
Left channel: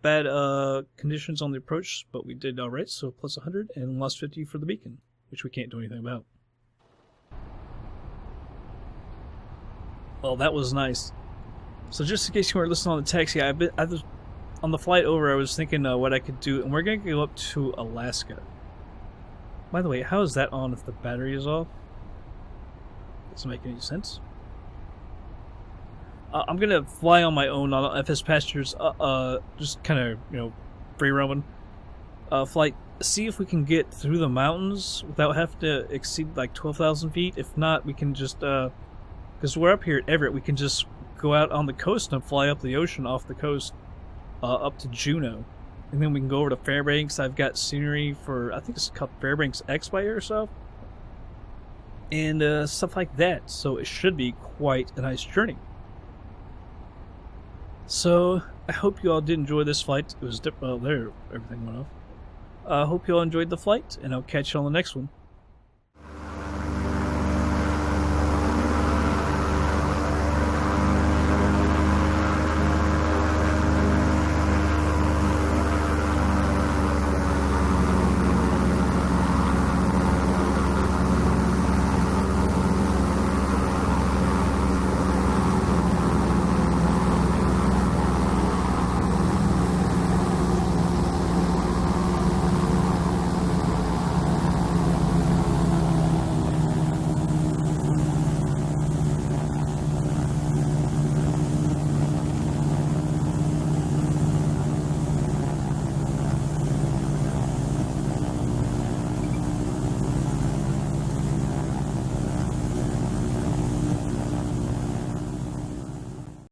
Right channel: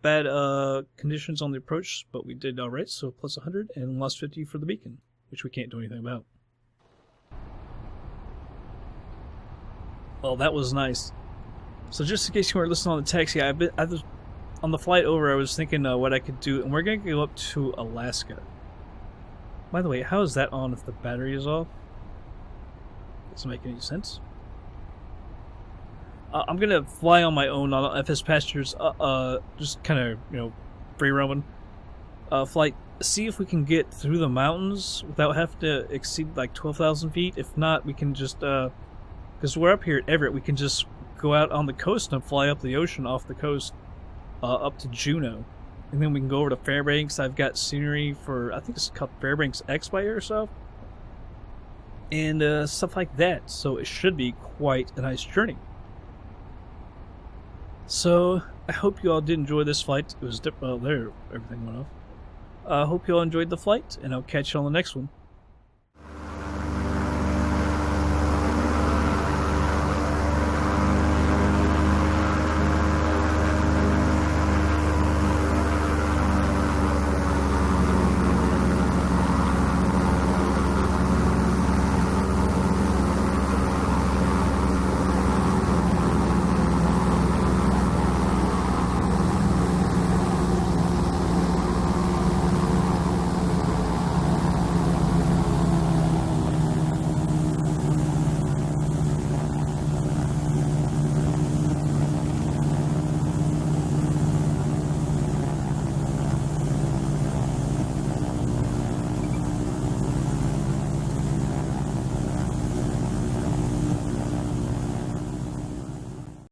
Bad conditions on the approach, but we did alright, so plus 100 and lost 50 for the beacon, which we can't do anything about. Well, that was nice. So just in case you weren't listening on the taxi, on the flight over, I was thinking what I could do, and we're going to go up to Alaska. By the way, how is that on if the battery is off? Doesn't make any sense. I'm going to fly on my own on FsPassengers, just kind of, free roaming flight. See if we can get through the mountains without having to exceed like 12,000 feet. If not, we can just, because we're up here at Everett, we can just go out on the coast and fly up the ocean off the coast up to Juneau. And then we can go over to Fairbanks. I've got scenery for, I think it's called Fairbanks X by Air or so. And stuff like that. So it should be quite a nice journey. So I hope you all did enjoy this flight. It was, there, everything went off. I hope you all enjoyed the flight, and I'll catch you on the next one.